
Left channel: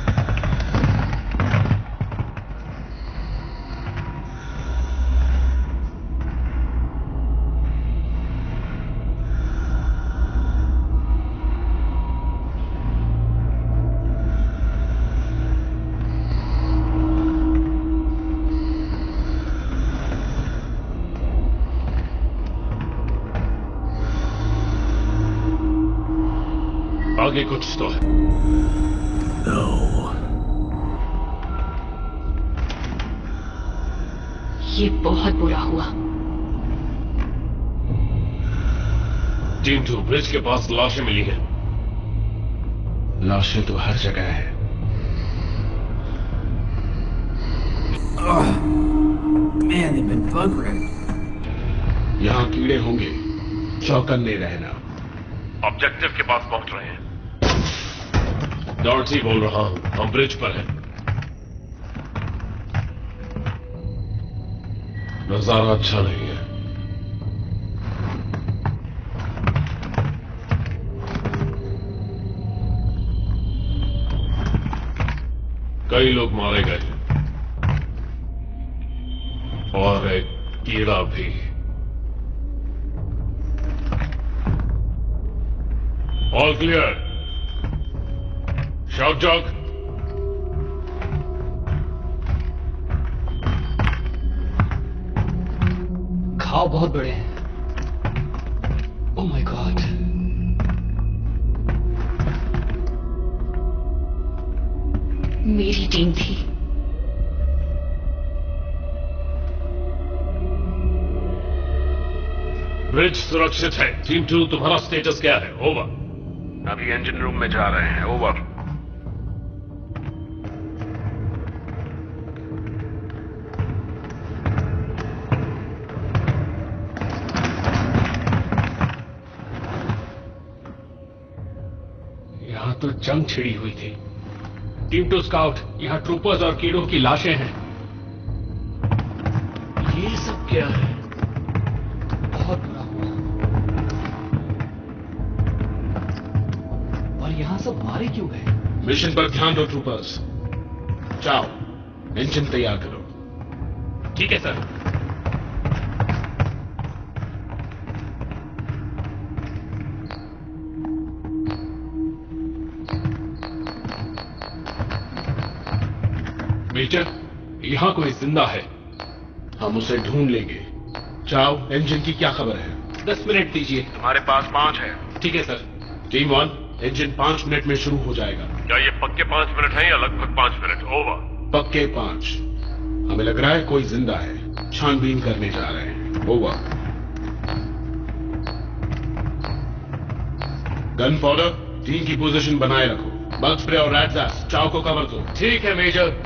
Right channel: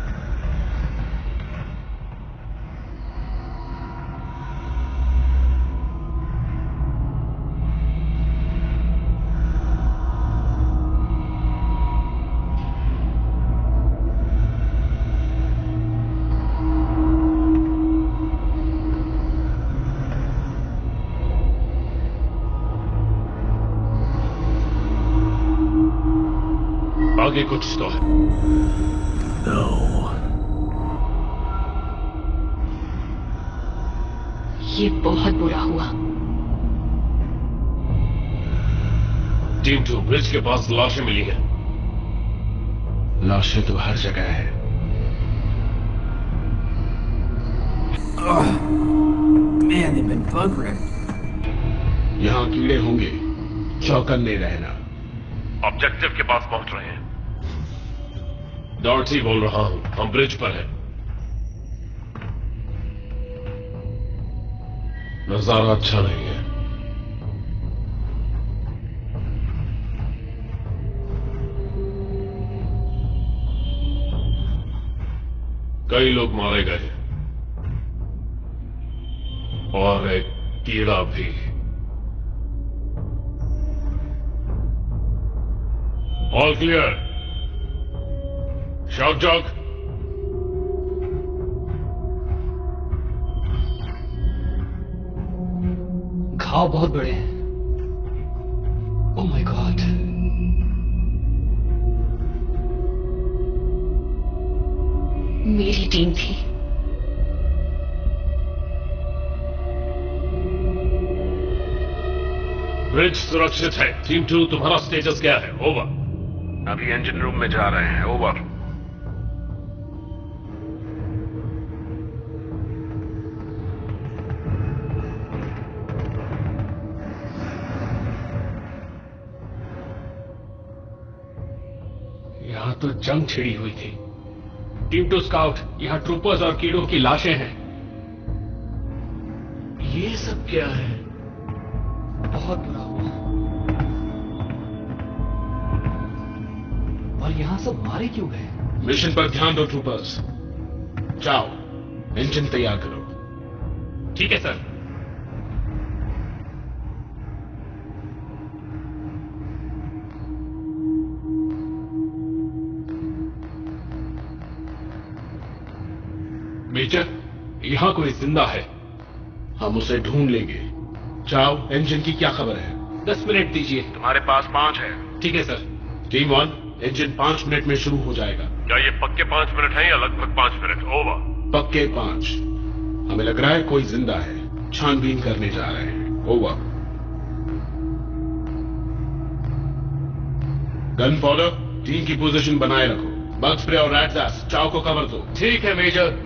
आगे कुछ तो है। ये बहुत बुरा हुआ। टीम 2, ब्रिज के पास लाशें मिली हैं। लाशें तो हर जगह है। Man, they've been buggering. यहां कीड़े होंगे, चौकन्ने रहना। ऑब्जेक्टिव के पास पहुंच रहे हैं। डॉर्टी बोल रहा हूं, हम ब्रिज पर हैं। नजारा अच्छा नहीं है। कई लोग मारे गए और एक कीड़ा भी। All clear. शॉक जॉक, घाव बहुत बड़े हैं। Oh my God. मेरी टीम थी। ब्रिज सुरक्षित है। टीम 2, तुम्हारा स्टेटस क्या है? ओवर। अभी इंजन रूम में जा रहे हैं। ओवर। यहां तो जंग छिड़ी हुई थी। टीम 2 स्काउट, यहां ट्रूपर्स और कीड़ों की लाशें हैं। ये सब क्या है? बहुत बुरा हुआ। और यहां सब मारे क्यों गए? मिशन पर ध्यान दो ट्रूपर्स। जाओ, इंजन तैयार करो। ठीक है सर। मेजर, यहां कोई जिंदा है। हम उसे ढूंढ लेंगे। जाओ, इंजन की क्या खबर है? 10 मिनट दीजिए। तुम्हारे पास 5 है। ठीक है सर। टीम 1, इंजन 5 मिनट में शुरू हो जाएगा। क्या ये पक्के 5 मिनट हैं या लगभग 5 मिनट? ओवर। पक्के 5। हमें लग रहा है कोई जिंदा है, छानबीन करने जा रहे हैं। ओवर। गन फॉडर, टीम की पोजीशन बनाए रखो। बग स्प्रे और रैट्स एस चाव को कवर दो। ठीक है मेजर।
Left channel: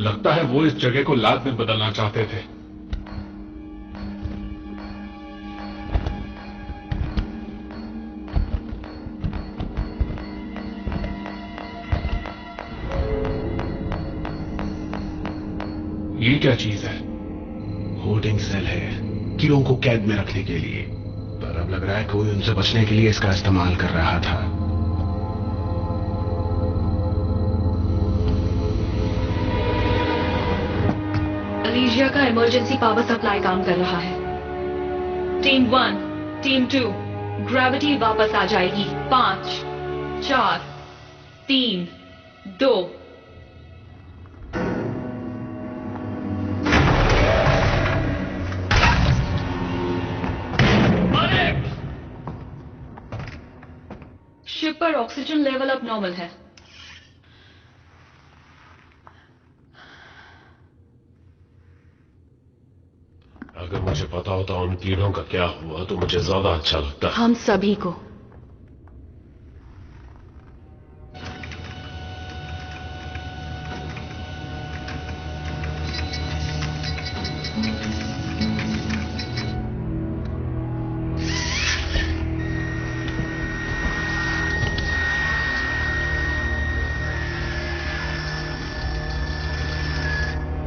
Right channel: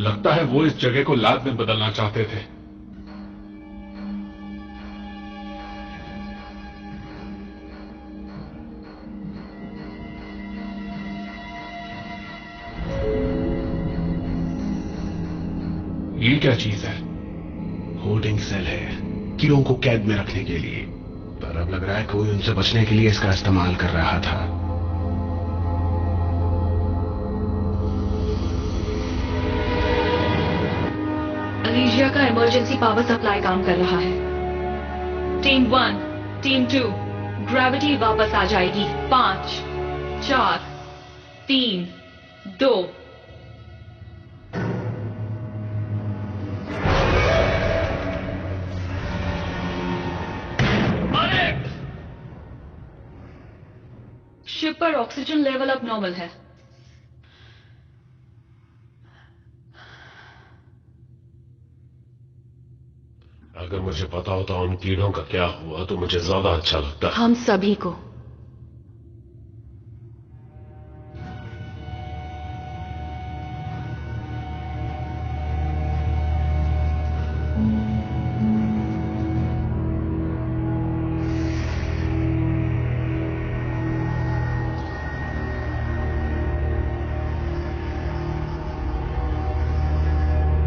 लगता है वो इस जगह को लैब में बदलना चाहते थे। ये क्या चीज है? होल्डिंग सेल है, कीड़ों को कैद में रखने के लिए। पर अब लग रहा है कोई उनसे बचने के लिए इसका इस्तेमाल कर रहा था। अलीजिया का इमरजेंसी पावर सप्लाई काम कर रहा है। टीम 1, टीम 2, ग्रेविटी वापस आ जाएगी। 5, 4, 3, 2। शिप पर ऑक्सीजन लेवल अब नॉर्मल है। अगर मुझे पता होता उन कीड़ों का क्या हुआ तो मुझे ज्यादा अच्छा लगता। हम सभी को।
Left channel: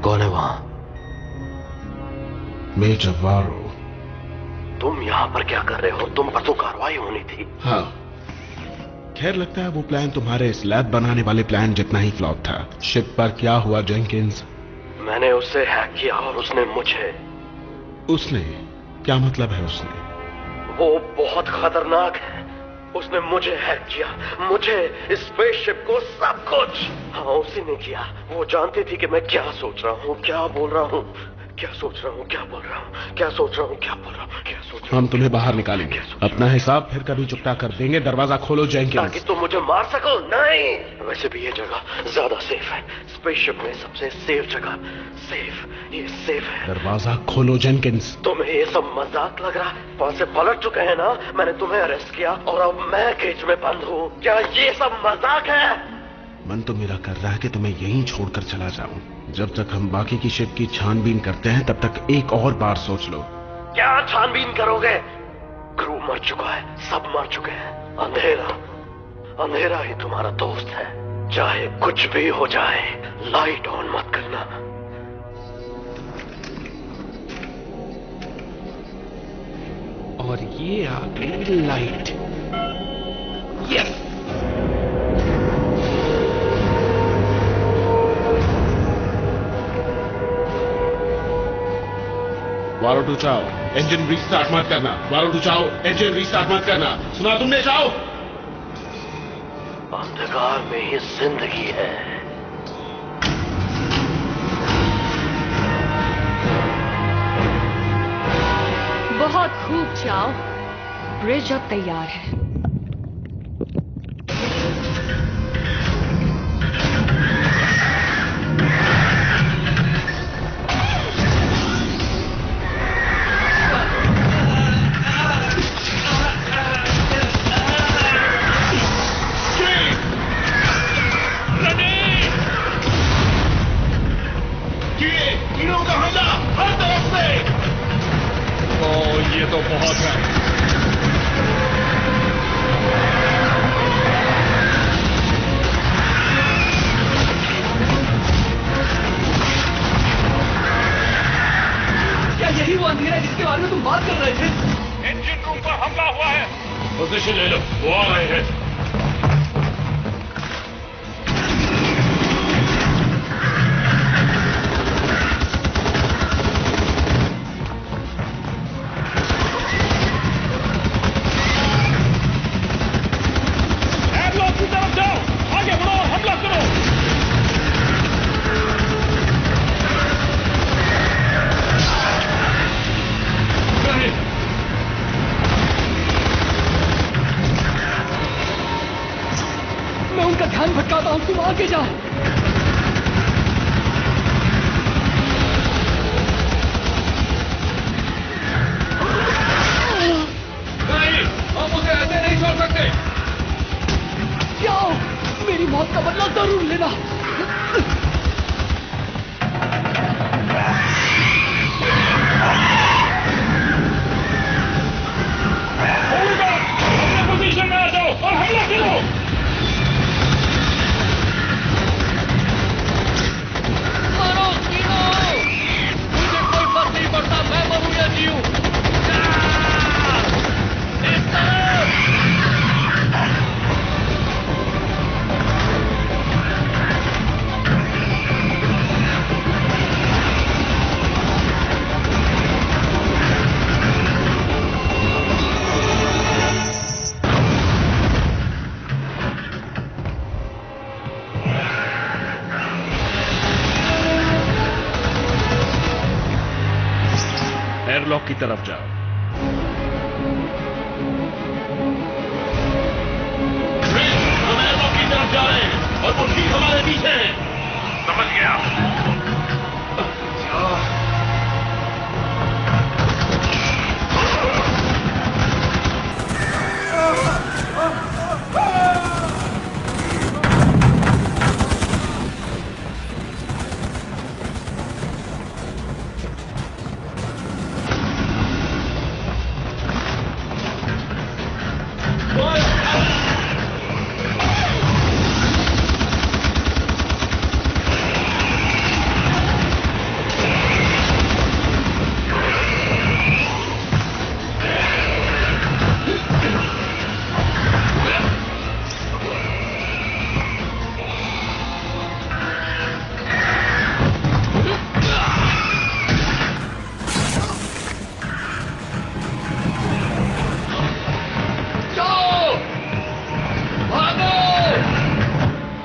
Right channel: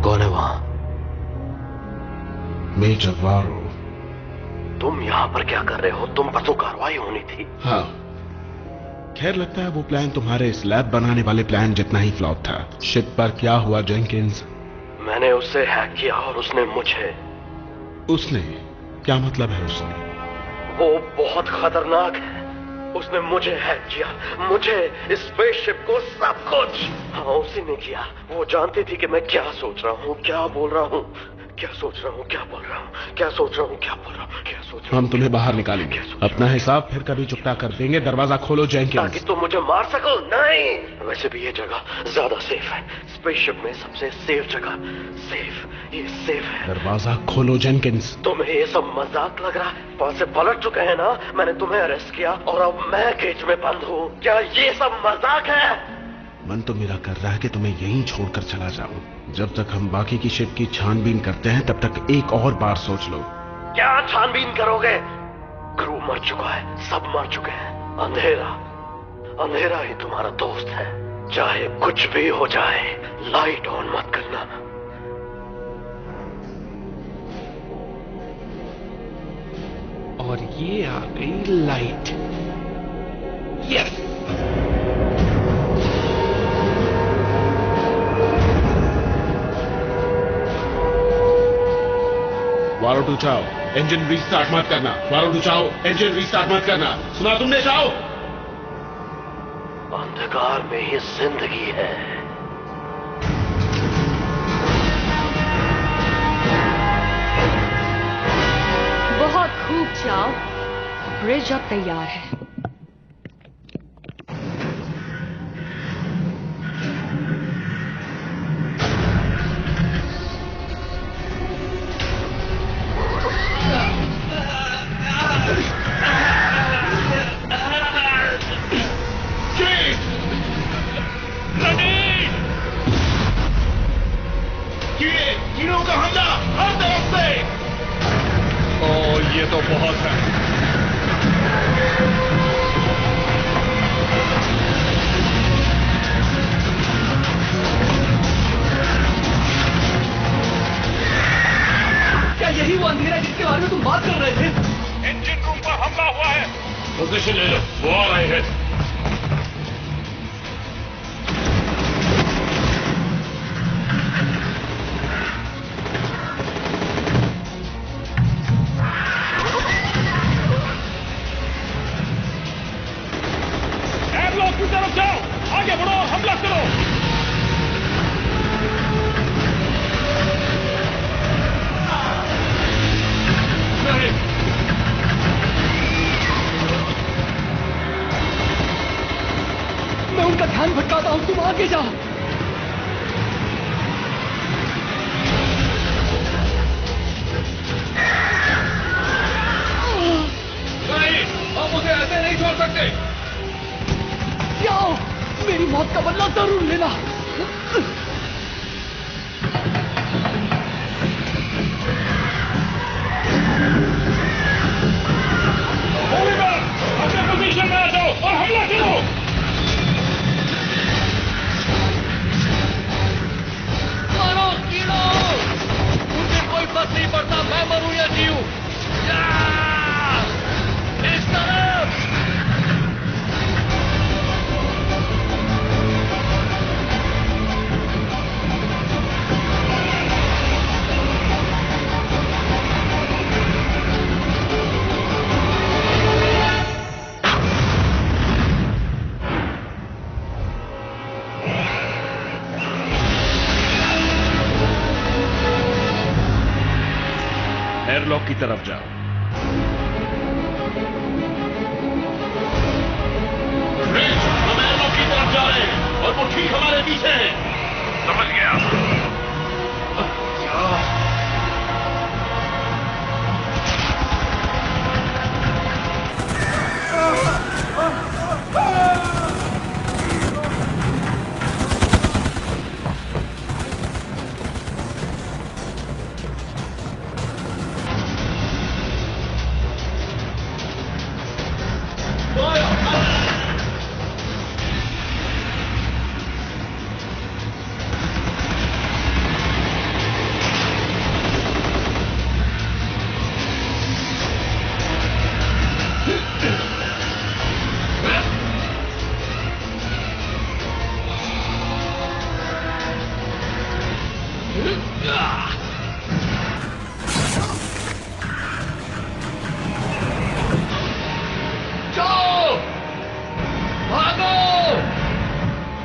कौन है वहां? मेजर वारो। तुम यहाँ पर क्या कर रहे हो? तुम पर तो कार्रवाई होनी थी। हाँ, खैर लगता है वो प्लान तुम्हारे इस लैब बनाने वाले प्लान जितना ही फ्लॉप था। शिप पर क्या हुआ जेंकिंस? मैंने उससे हैक किया और उसने मुझे। उसने? क्या मतलब है उसने? वो बहुत खतरनाक है। उसने मुझे हैक किया, मुझे, स्पेसशिप को, सब कुछ। हाँ, उसी ने किया। वो जानती थी कि मैं क्या सोच रहा हूँ, क्या बोल रहा हूँ, क्या सोच रहा हूँ, क्या बोल रहा हूँ, क्या सोच रहा हूँ, क्या बोल रहा हूँ, क्या सोच रहा हूँ। हम तुम्हें बाहर निकालेंगे, अपना हिसाब फिर कभी चुकता कर देंगे। दरवाजा खोलो जेंकिंस। ताकि तुम मुझे मार सको? नहीं, वैसे भी ये जगह ज्यादा सेफ है। स्पेसशिप में सबसे सेफ जगह। सेफ, ये सेफ है। दरवाजा खोलो जेंकिंस। तुम्हें ये सब मजाक लग रहा है? वहां से पलट चुके हैं ना? मैंने तुम्हें अरेस्ट किया और अब मैं केज में बंद हूँ। क्या ये सब मजाक है? मन तो मेरा कर रहा है कि तुम्हें यहीं छोड़कर चला जाऊं। जब तक हम बाकी की शिप की छानबीन करते हैं तब तक एक और बार सोच लो। क्या छानबीन करोगे? क्रू मर चुका है, सब मर चुके हैं। अंधेरा, अंधेरा ही तुम्हारा दोस्त है। चाहे कुछ भी हो जाए, लाइट ऑन मत करना। और ये आ गई लाइट। यस। वारो टू चाओ, इंजन रीस्टार्ट मत करना। वारो टू चाओ, इंजन रीस्टार्ट मत करना। सुना तुमने चाओ? अंधकार में ही जिंदगी है। बहुत खूब चाओ। ब्रिज अब तैयार है। ये तो बहुत है। क्या यही वो अंधेरा है जिसके बारे में तुम बात कर रहे थे? इंजन रूम पर हमला हुआ है। पोजीशन ले लो, वो आ रहे हैं। एयरलॉक की तरफ जाओ, आगे बढ़ो और हमला करो। नहीं, मैं उनका ध्यान भटकाता हूं, तुम आगे जाओ। नहीं, हम उसे ऐसे नहीं छोड़ सकते। जाओ, मेरी मौत का बदला जरूर लेना। अपने पोजीशन में आ जाओ और हमला करो। मारो कीड़ो, मुझे कोई फर्क नहीं पड़ता मैं मरूं या जीऊं। इस तरफ। एयरलॉक की तरफ जाओ। हम एयरलॉक की तरफ जा रहे हैं और वो ठीक हमारे पीछे है। समझ गया।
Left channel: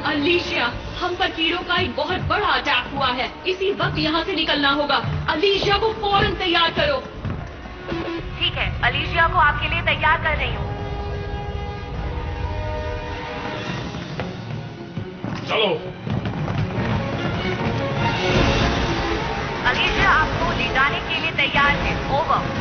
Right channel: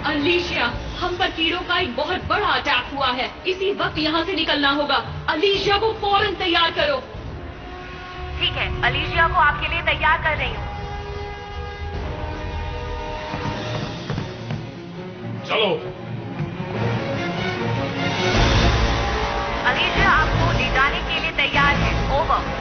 अलीशिया, हम पर कीड़ों का एक बहुत बड़ा अटैक हुआ है। इसी वक्त यहाँ से निकलना होगा। अलीशिया को फौरन तैयार करो। ठीक है, अलीशिया को आपके लिए तैयार कर रही हूँ। चलो। अलीशिया आपको ले जाने के लिए तैयार है। ओवर।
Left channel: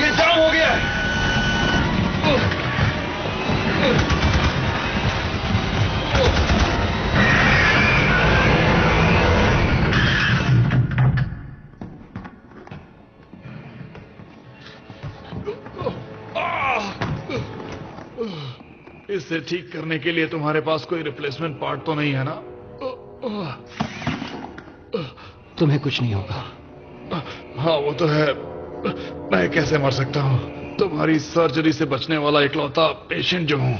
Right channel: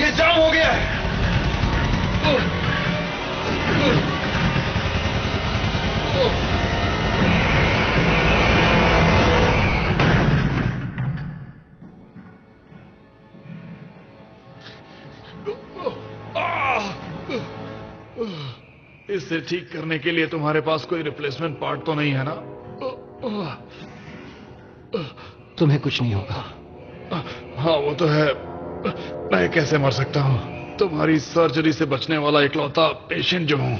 ये जाम हो गया है। इसे ठीक करने के लिए तुम्हारे पास कोई रिप्लेसमेंट पार्ट तो नहीं है ना? तुम्हें कुछ नहीं होगा। हाँ वो तो है। मैं कैसे मर सकता हूँ? तुम्हारी सर्जरी से बचने वाला इकलौता पेशेंट जो हूँ।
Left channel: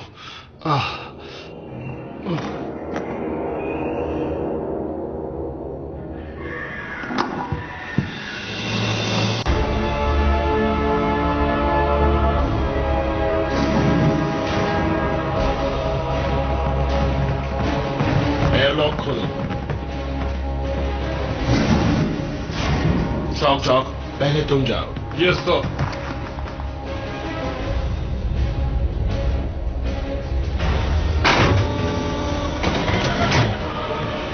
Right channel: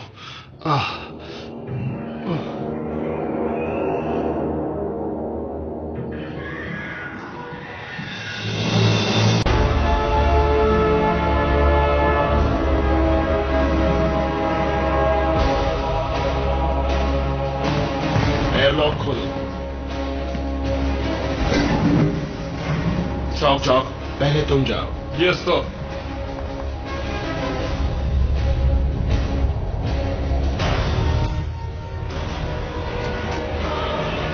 एयरलॉक खोलो। चौक चौक, पहले तुम जाओ। Yes sir.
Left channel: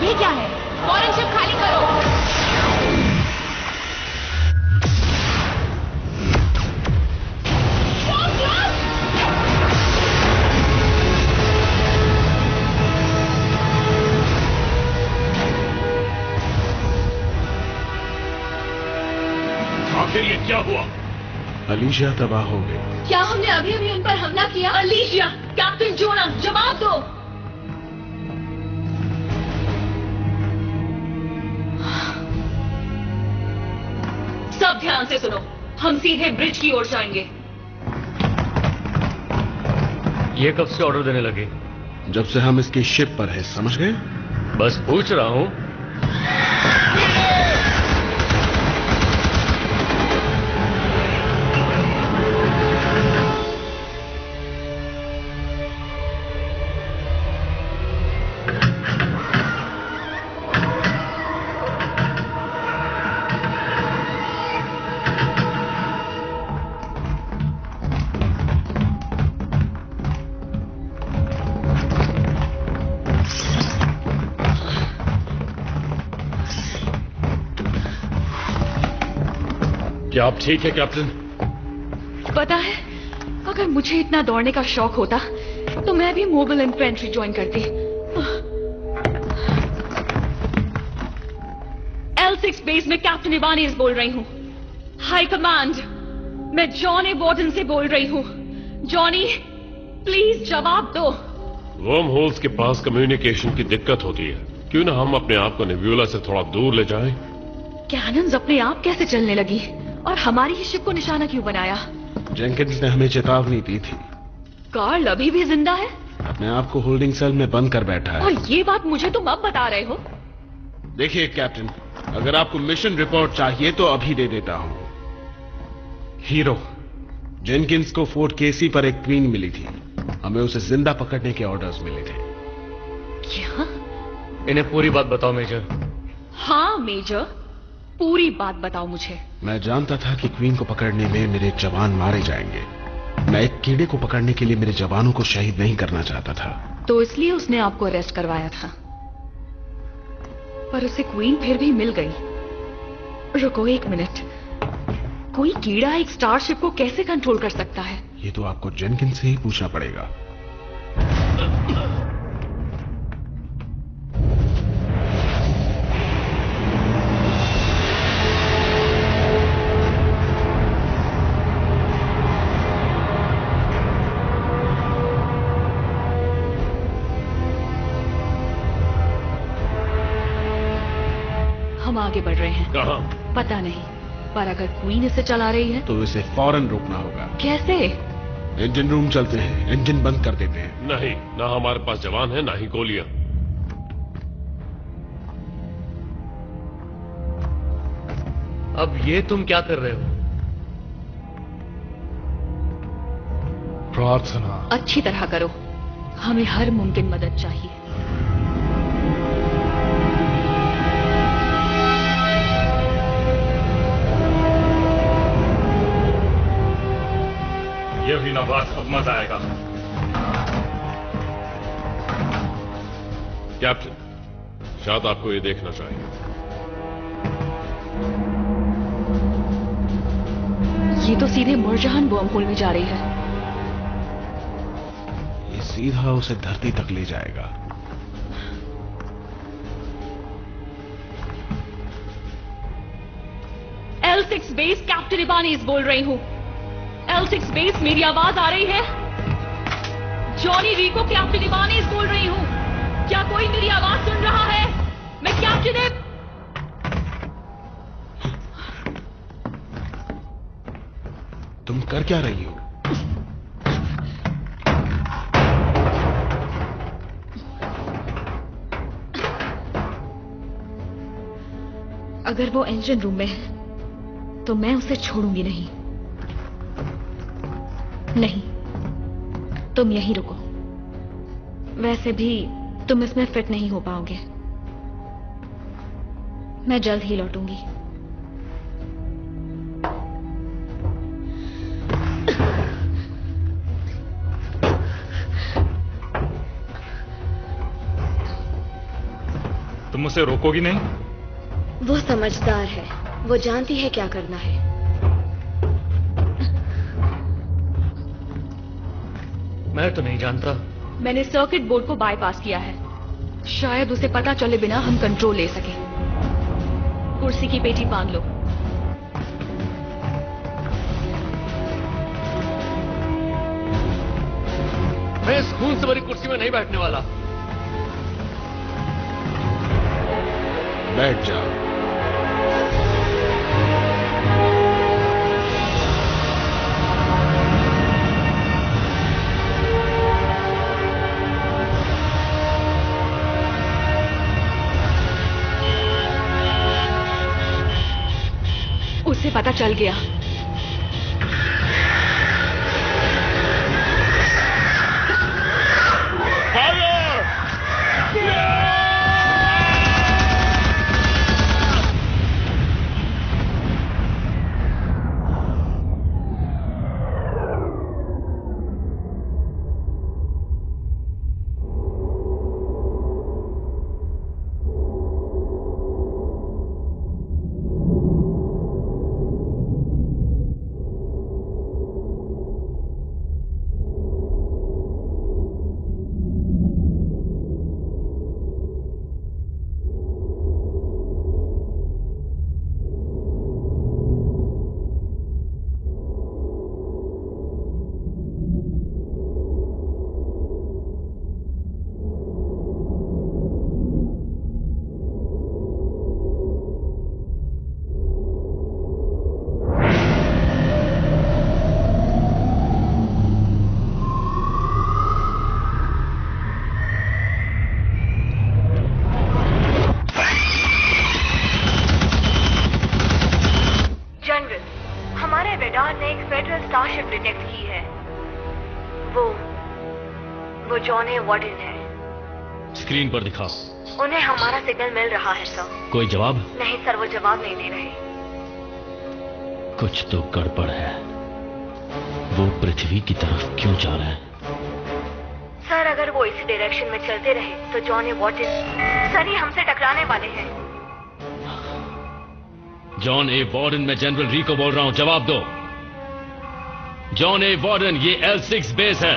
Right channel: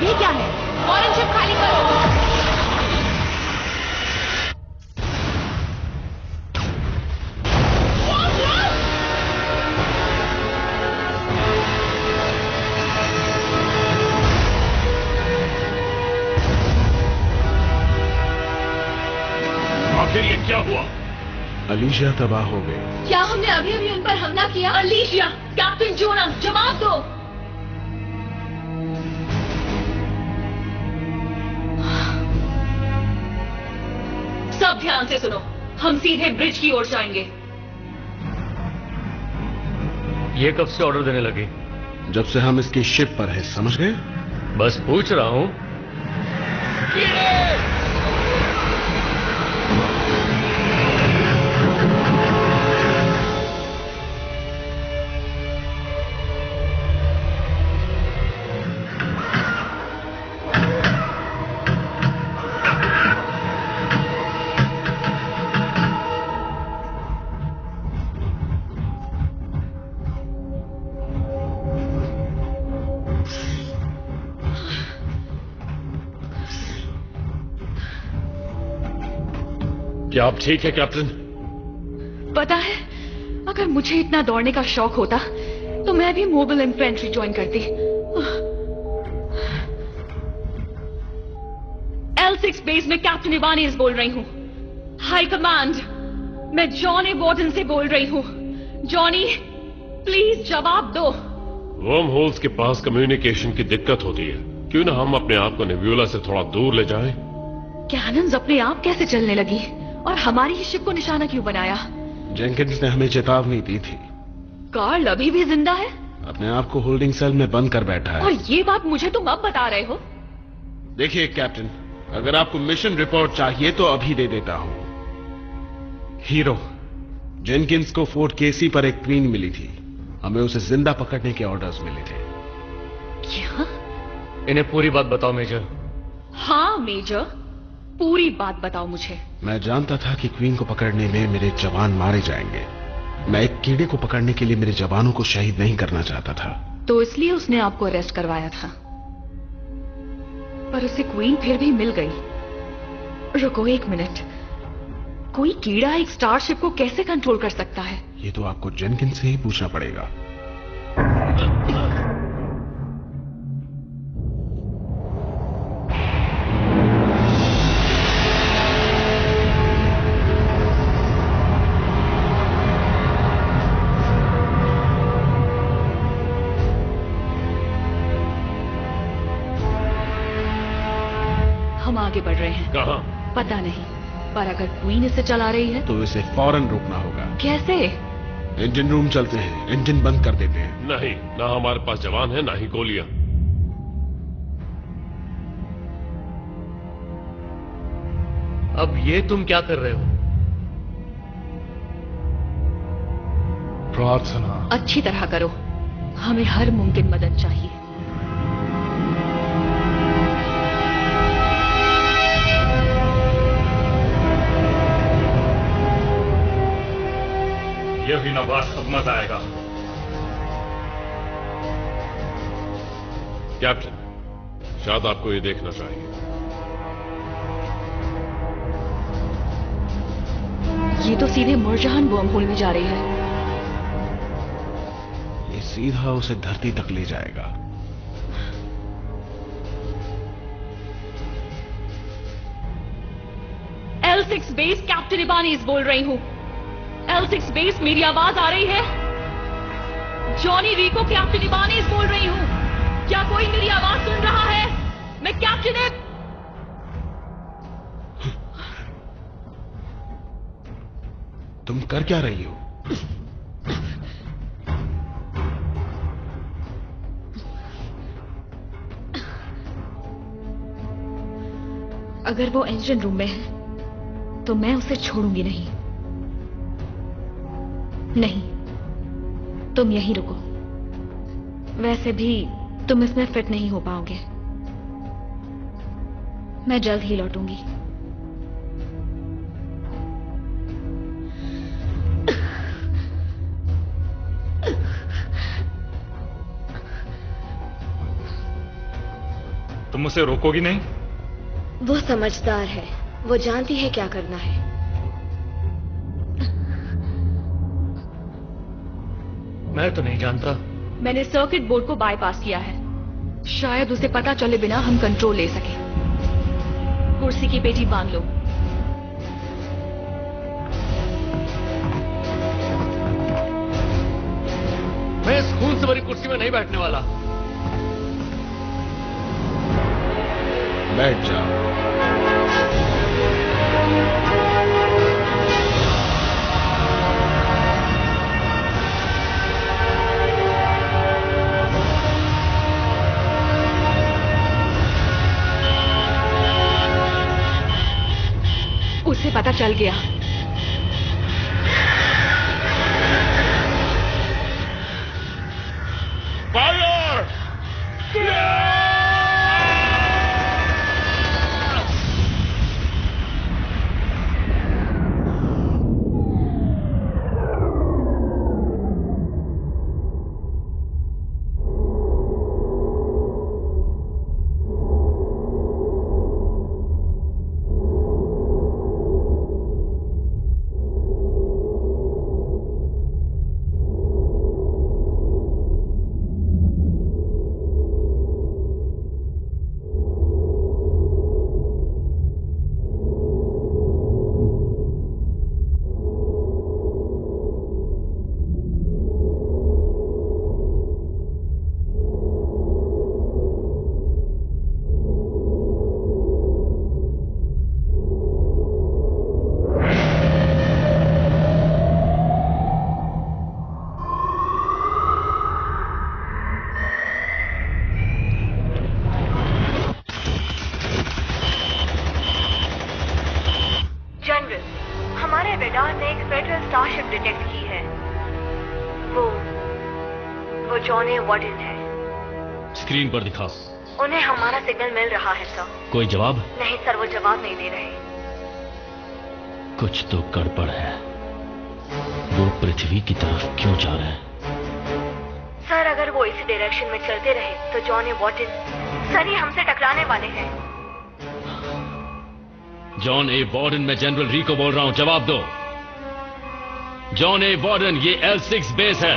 ये क्या है? फौरन शिप खाली करो। क्या हुआ? अलीशिया तबाह हो गई। क्या हमने अभी अभी उन पर हमला किया? अलीशिया, कैप्टन जोना, जवाब दो। सब ध्यान से सुनो, हम सीधे ब्रिज की ओर जाएंगे। ये कब से ऑर्डर देने लगे? जब से हम इसकी शिप पर है, समझ गए? बस पूछ रहा हूं। क्या आप ठीक है कैप्टन? पता है, अगर मुझे इतना दौड़ने का शौक होता तो मैं भी मोबाइल इन्फेंट्री ज्वाइन करती। L6 बेस में कैप्टन इबानीज बोल रही हूँ। हाई कमांड, मैं जॉन ए वॉर्डन से बोल रही हूँ। जॉनी, प्लीज जवाब दो। वर्म होल्स के पास कम्युनिकेशन की दिक्कत होती है। क्यों ना हम अपने आप को नेब्यूला से थोड़ा दूर ले जाएं? कैनन्स अपने आप कैसे चलने लगी और हमारी ही शिप को निशाना क्यों बनाया? जेंकिंस ने हमें चेतावनी दी थी। कार्ल अभी भी जिंदा है? अपने आप को होल्डिंग सेल में बंद कर बैठा है। और ये बात मुझे तुम अब बता रहे हो? देखिए कैप्टन, अगर आपको मिशन रिपोर्ट चाहिए तो अभी दे देता हूं। हीरो, जेनकिंस को फोर्ट केसी पर एक क्वीन मिली थी। हमें उसे जिंदा पकड़ने के ऑर्डर्स मिले थे। क्या? इन्हें पूरी बात बताओ मेजर। हाँ मेजर, पूरी बात बताओ मुझे। मैं जानता था कि क्वीन को पकड़ने में मेरे जवान मारे जाएंगे। मैं एक कीड़े को पकड़ने के लिए मेरे जवानों को शहीद नहीं करना चाहता था। तो इसलिए उसने आपको अरेस्ट करवाया था। पर उसे क्वीन फिर भी मिल गई। रुको एक मिनट, कोई कीड़ा एक स्टारशिप को कैसे कंट्रोल कर सकता है? ये तो आपको जेनकिंस से ही पूछना पड़ेगा। हम आगे बढ़ रहे हैं। कहां? पता नहीं, पर अगर क्वीन इसे चला रही है तो इसे फौरन रोकना होगा। कैसे? इंजन रूम चलते हैं, इंजन बंद कर देते हैं। नहीं, ना हमारे पास जवान है, ना ही गोलियां। अब ये तुम क्या कर रहे हो? प्रार्थना। अच्छी तरह करो, हमें हर मुमकिन मदद चाहिए। ये हुई ना बात, अब मजा आएगा। कैप्टन, शायद आपको ये देखना चाहिए। ये तो सीधे मुरजहान वर्म होल में जा रही है। ये सीधा उसे धरती तक ले जाएगा। L6 बेस, कैप्टन इबानीज बोल रही हूँ। L6 बेस, मेरी आवाज आ रही है? जॉनी रिको, कैप्टन इबानीज बोल रही हूँ। क्या कोई मेरी आवाज सुन रहा है? मैं कैप्टन तुम कर क्या रही हो? अगर वो इंजन रूम में है तो मैं उसे छोड़ूंगी नहीं। नहीं, तुम यहीं रुको। वैसे भी तुम इसमें फिट नहीं हो पाओगे। मैं जल्द ही लौटूंगी। तुम उसे रोकोगी नहीं? वो समझदार है, वो जानती है क्या करना है। मैं तो नहीं जानता। मैंने सर्किट बोर्ड को बाईपास किया है। शायद उसे पता चले बिना हम कंट्रोल ले सके। कुर्सी की पेटी बांध लो। मैं इस खून से भरी कुर्सी में नहीं बैठने वाला। बैठ जाओ। उसे पता चल गया। स्टारशिप डिटेक्ट की है। वो जॉन ए वार्डन है। स्क्रीन पर दिखाओ। उन्हें हमारा सिग्नल मिल रहा है सर। कोई जवाब? नहीं सर, वो जवाब नहीं दे रहे। कुछ तो गड़बड़ है। वो पृथ्वी की तरफ क्यों जा रहे हैं? सर अगर वो इसी डायरेक्शन में चलते रहे तो जॉन ए वार्डन सर ही हमसे टकराने वाले हैं। जॉन ए वार्डन, मैं जनरल री को बोल रहा हूं, जवाब दो। जॉन ए वार्डन, ये L6 बेस है।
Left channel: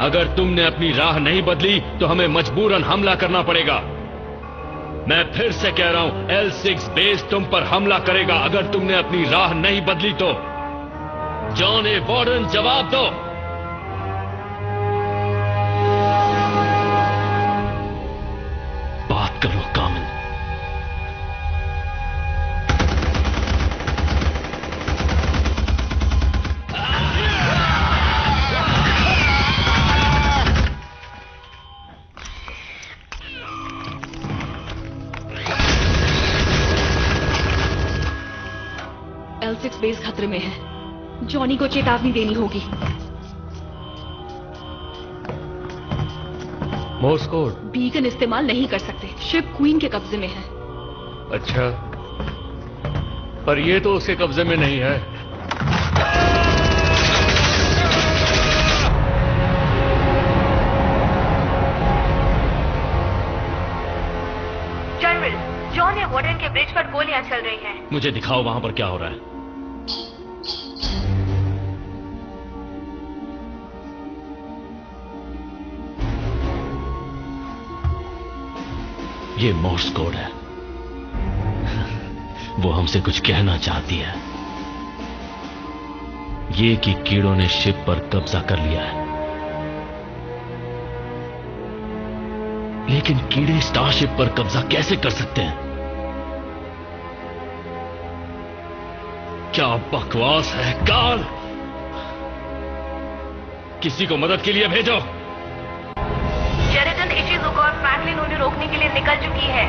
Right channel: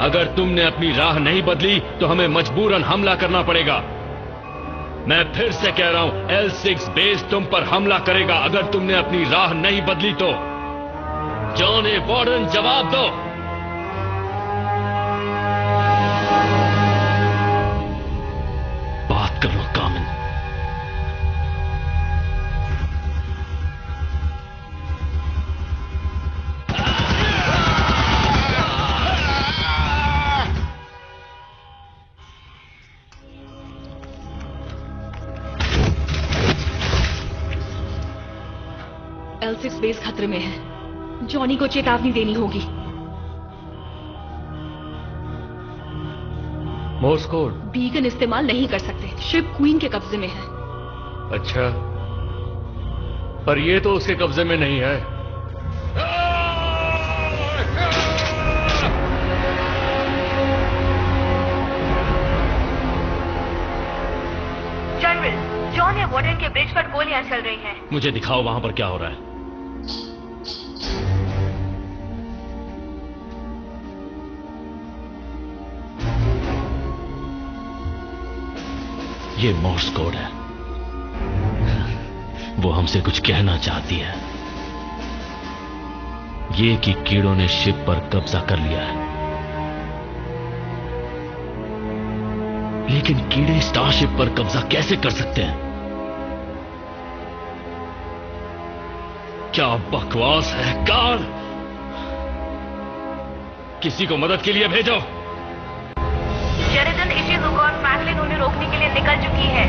अगर तुमने अपनी राह नहीं बदली तो हमें मजबूरन हमला करना पड़ेगा। मैं फिर से कह रहा हूं, L6 बेस तुम पर हमला करेगा अगर तुमने अपनी राह नहीं बदली तो। जॉन ए वार्डन, जवाब दो। बात करो कामिन। L6 बेस खतरे में है। जॉनी को चेतावनी देनी होगी। Morse code. बीकन इस्तेमाल नहीं कर सकते, शिप क्वीन के कब्जे में है। अच्छा, पर ये तो उसके कब्जे में नहीं है। जनरल, जॉन ए वार्डन के ब्रिज पर गोलियां चल रही हैं। मुझे दिखाओ वहां पर क्या हो रहा है। ये मोर्स कोड है। वो हमसे कुछ कहना चाहती है। ये कि कीड़ों ने शिप पर कब्जा कर लिया है। लेकिन कीड़े स्टारशिप पर कब्जा कैसे कर सकते हैं? क्या बकवास है कार्ल। किसी को मदद के लिए भेजो। शेरिडन, इशिज़ुका और फ्रैंकलिन उन्हें रोकने के लिए निकल चुकी है।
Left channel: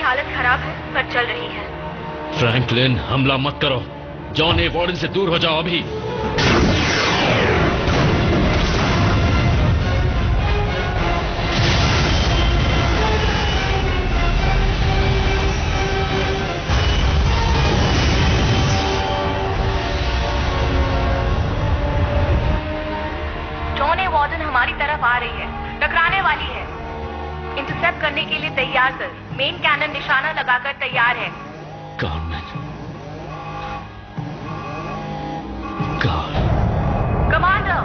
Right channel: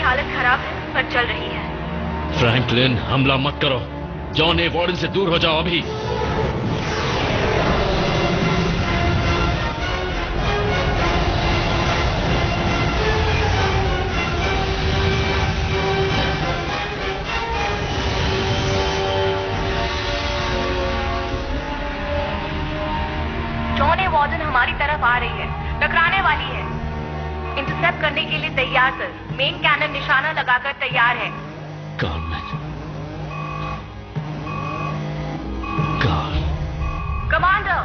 हालत खराब है पर चल रही है। फ्रैंकलिन, हमला मत करो। जॉन ए वार्डन से दूर हो जाओ अभी। जॉन ए वार्डन हमारी तरफ आ रही है, टकराने वाली है। इंटरसेप्ट करने के लिए तैयार सर। मेन कैनन निशाना लगाकर तैयार है। कमांडर,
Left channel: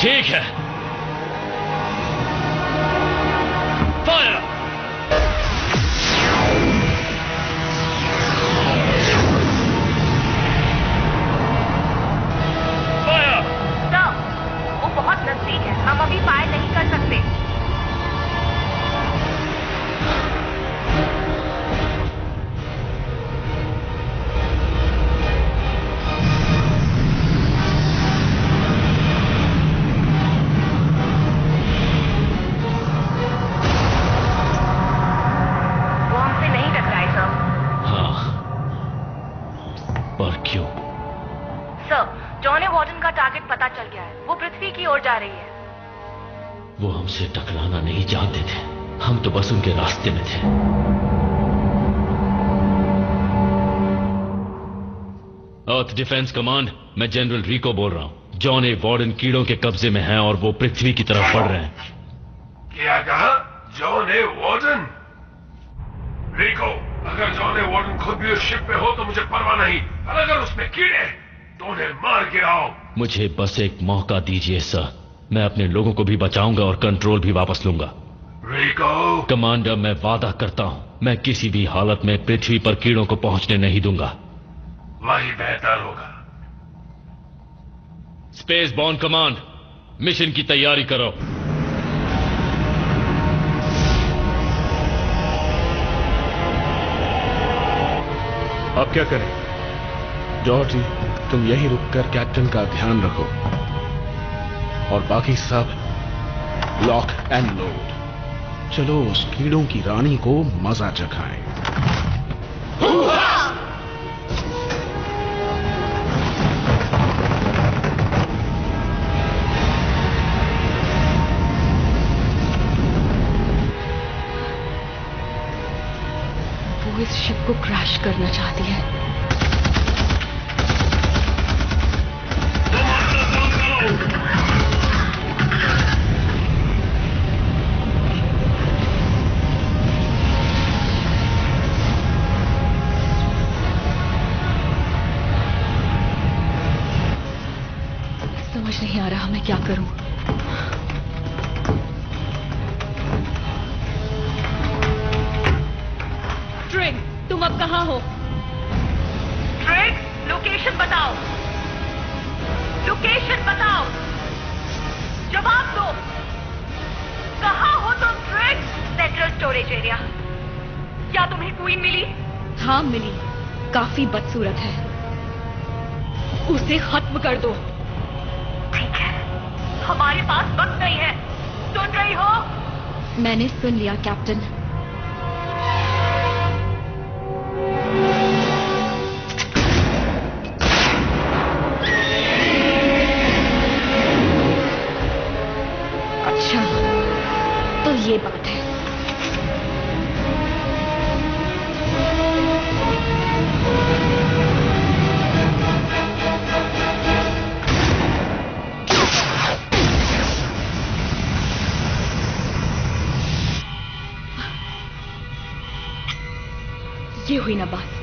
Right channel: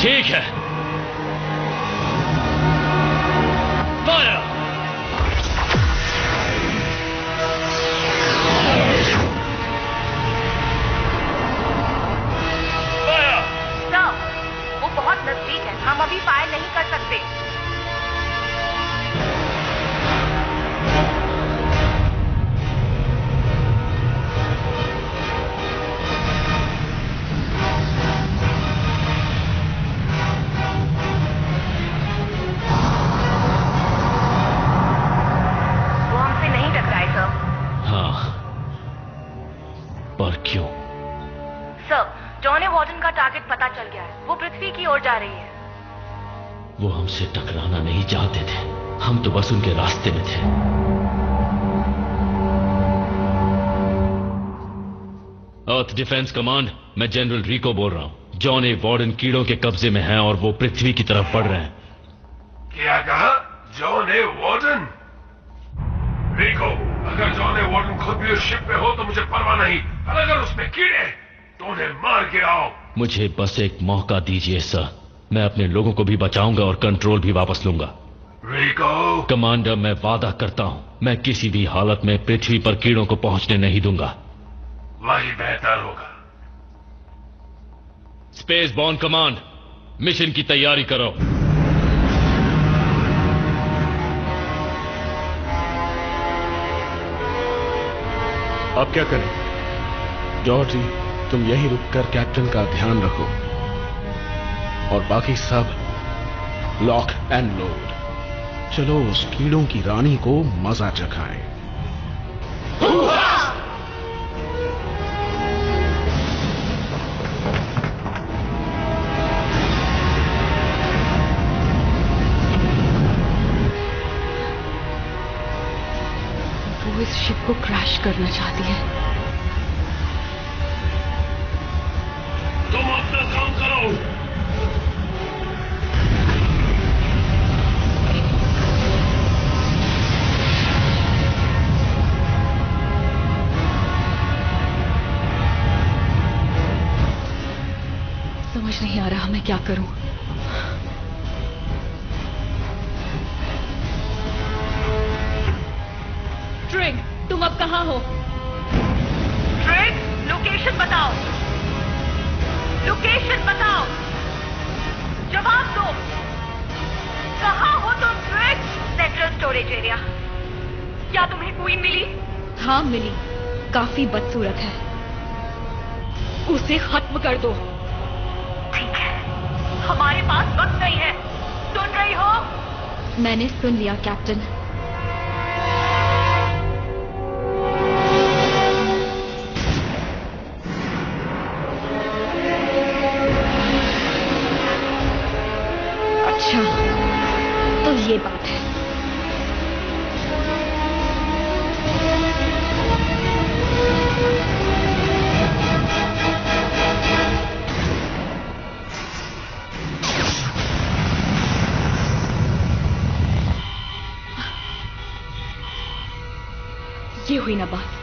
ठीक है, फायर। सर, वो बहुत नजदीक है, हम अभी फायर नहीं कर सकते। वो हमसे नहीं टकराए सर। हाँ, पर क्यों? सर, जॉन ए वार्डन का टारगेट पता चल गया है। वो पृथ्वी की ओर जा रही है। वो हमसे टकराना नहीं चाहते थे, हम तो बस उनके रास्ते में थे। अर्थ डिफेंस कमांड, मैं जनरल रिको बोल रहा हूं। जॉन ए वार्डन कीड़ों के कब्जे में हैं और वो पृथ्वी की तरफ बढ़ रहे हैं। क्या कहा? John A warden? रिको, अगर जॉन ए वार्डन खुद भी उस शिप पे हो तो मुझे परवाह नहीं, और अगर उसमें कीड़े तो उन्हें मार गिराओ। मुझे बस एक मौका दीजिए सर, मैं अपने लोगों को भी बचाऊंगा और कंट्रोल भी वापस लूंगा। रिको? कमांडर, मैं वादा करता हूं, मैं किसी भी हालत में पृथ्वी पर कीड़ों को पहुंचने नहीं दूंगा। वही बेहतर होगा। स्पेस बॉर्न कमांड, मिशन की तैयारी करो। अब क्या करें? जॉर्जी, तुम यहीं रुककर कैप्टन का ध्यान रखो और बाकी सब लॉक एंड लोड। चलो उस कीड़ों की रानी को मजा चखाएं। वो इस शिप को क्रैश करना चाहती है। तुम अपना काम करो। समझ नहीं आ रहा मैं क्या करूं। ट्रिग, तुम अब कहां हो? ट्रिग, लोकेशन बताओ। लोकेशन बताओ। जवाब दो। कहां हो तुम ट्रिग? Central storage area. क्या तुम्हें क्वीन मिली? हाँ मिली, काफी बदसूरत है। उसे खत्म कर दो। ठीक है, हमारे पास वक्त नहीं है। सुन रही हो? मैंने सुन लिया कैप्टन। अच्छा, तो ये बात है। ये हुई ना बात।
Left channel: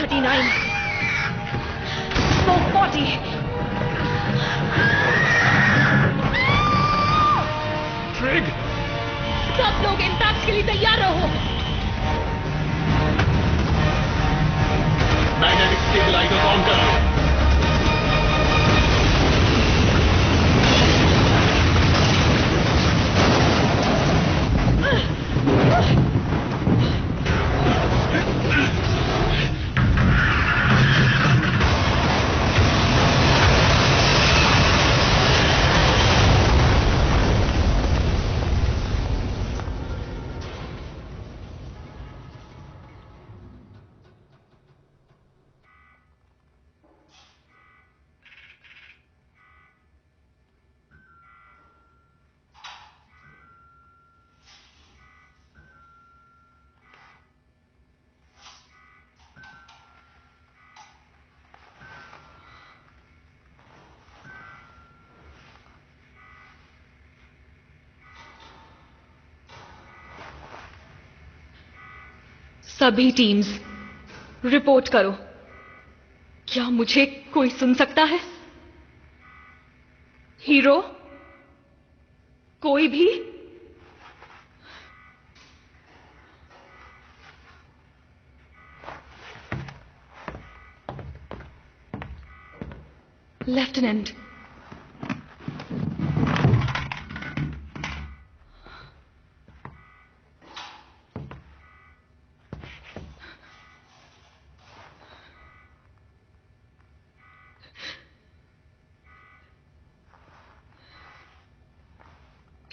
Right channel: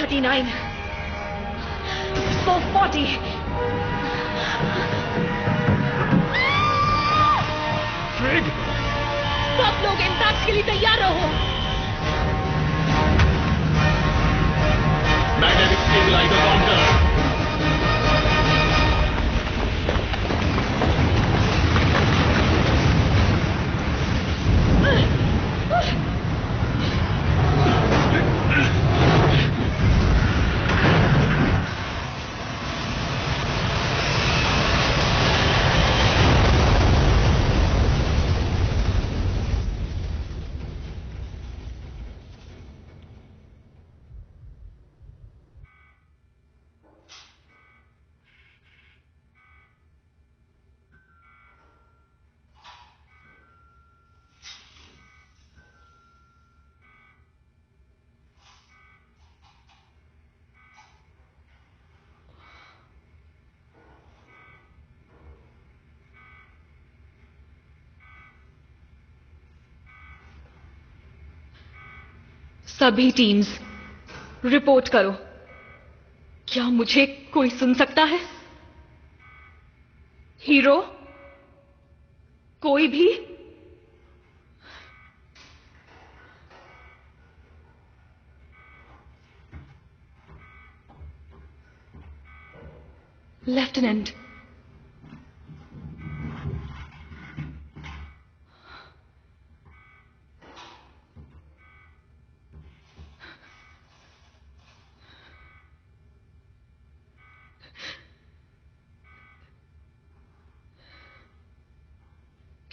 439, 440. ट्रिग! सब लोग इम्पैक्ट के लिए तैयार रहो। मैग्नेटिक स्टेबलाइजर ऑन करो। सभी टीम्स रिपोर्ट करो। क्या मुझे कोई सुन सकता है? हीरो? कोई भी? लेफ्टिनेंट,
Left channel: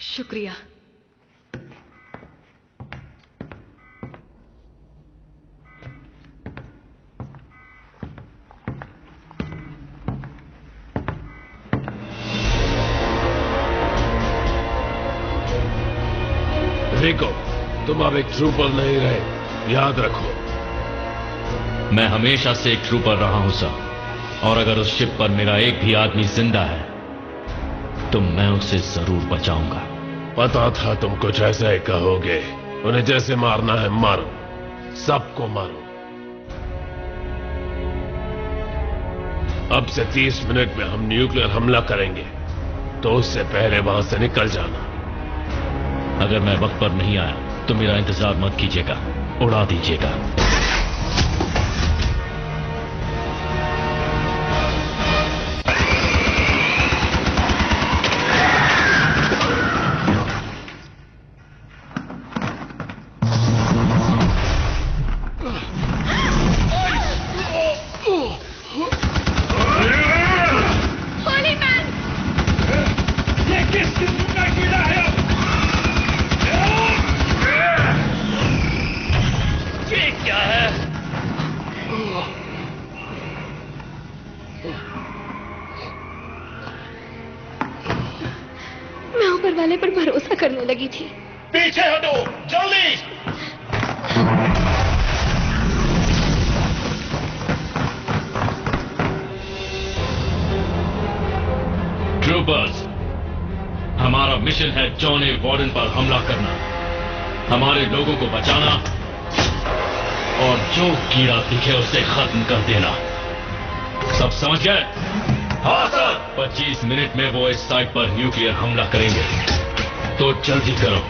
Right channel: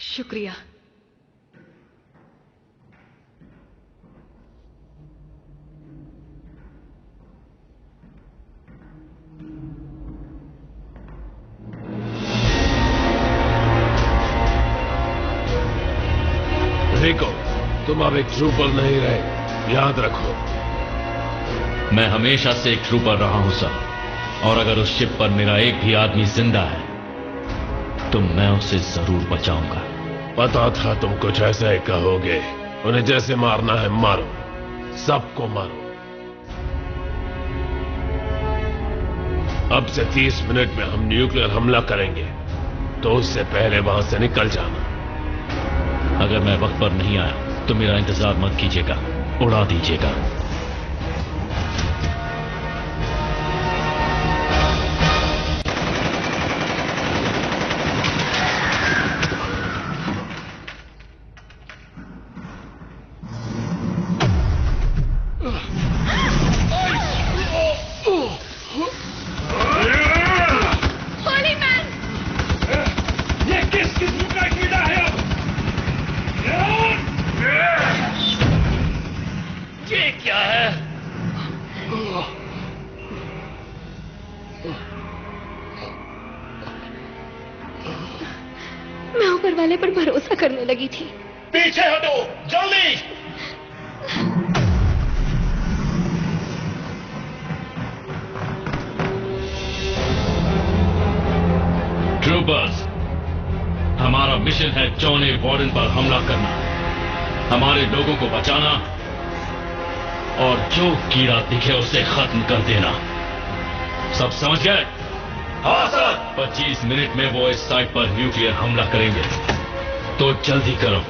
शुक्रिया। रिको, तुम अब एक ट्रूपर नहीं रहे, याद रखो। मैं हमेशा से एक ट्रूपर रहा हूं सर, और अगर उस शिप पर मेरा एक भी आदमी जिंदा है तो मैं उसे जरूर बचाऊंगा। पता था तुम कुछ ऐसा ही कहोगे। उन्हें जैसे मारना है मारो, सबको मारो। अब से 30 मिनट में हम न्यूक्लियर हमला करेंगे, तो उससे पहले वहां से निकल जाना। अगर मैं वक्त पर नहीं आया तो मेरा इंतजार मत कीजिएगा, उड़ा दीजिएगा। मैं ऊपर वाले पर भरोसा करने लगी थी। पीछे हटो, जल्दी! ट्रूपर्स, हमारा मिशन है जॉन ए वार्डन पर हमला करना, हमारे लोगों को बचाना और जो कीड़ा दिखे उसे खत्म कर देना। सब समझ गए? हाँ सर। 25 मिनट में वो इस साइट पर न्यूक्लियर हमला करेंगे, तो जल्दी करो।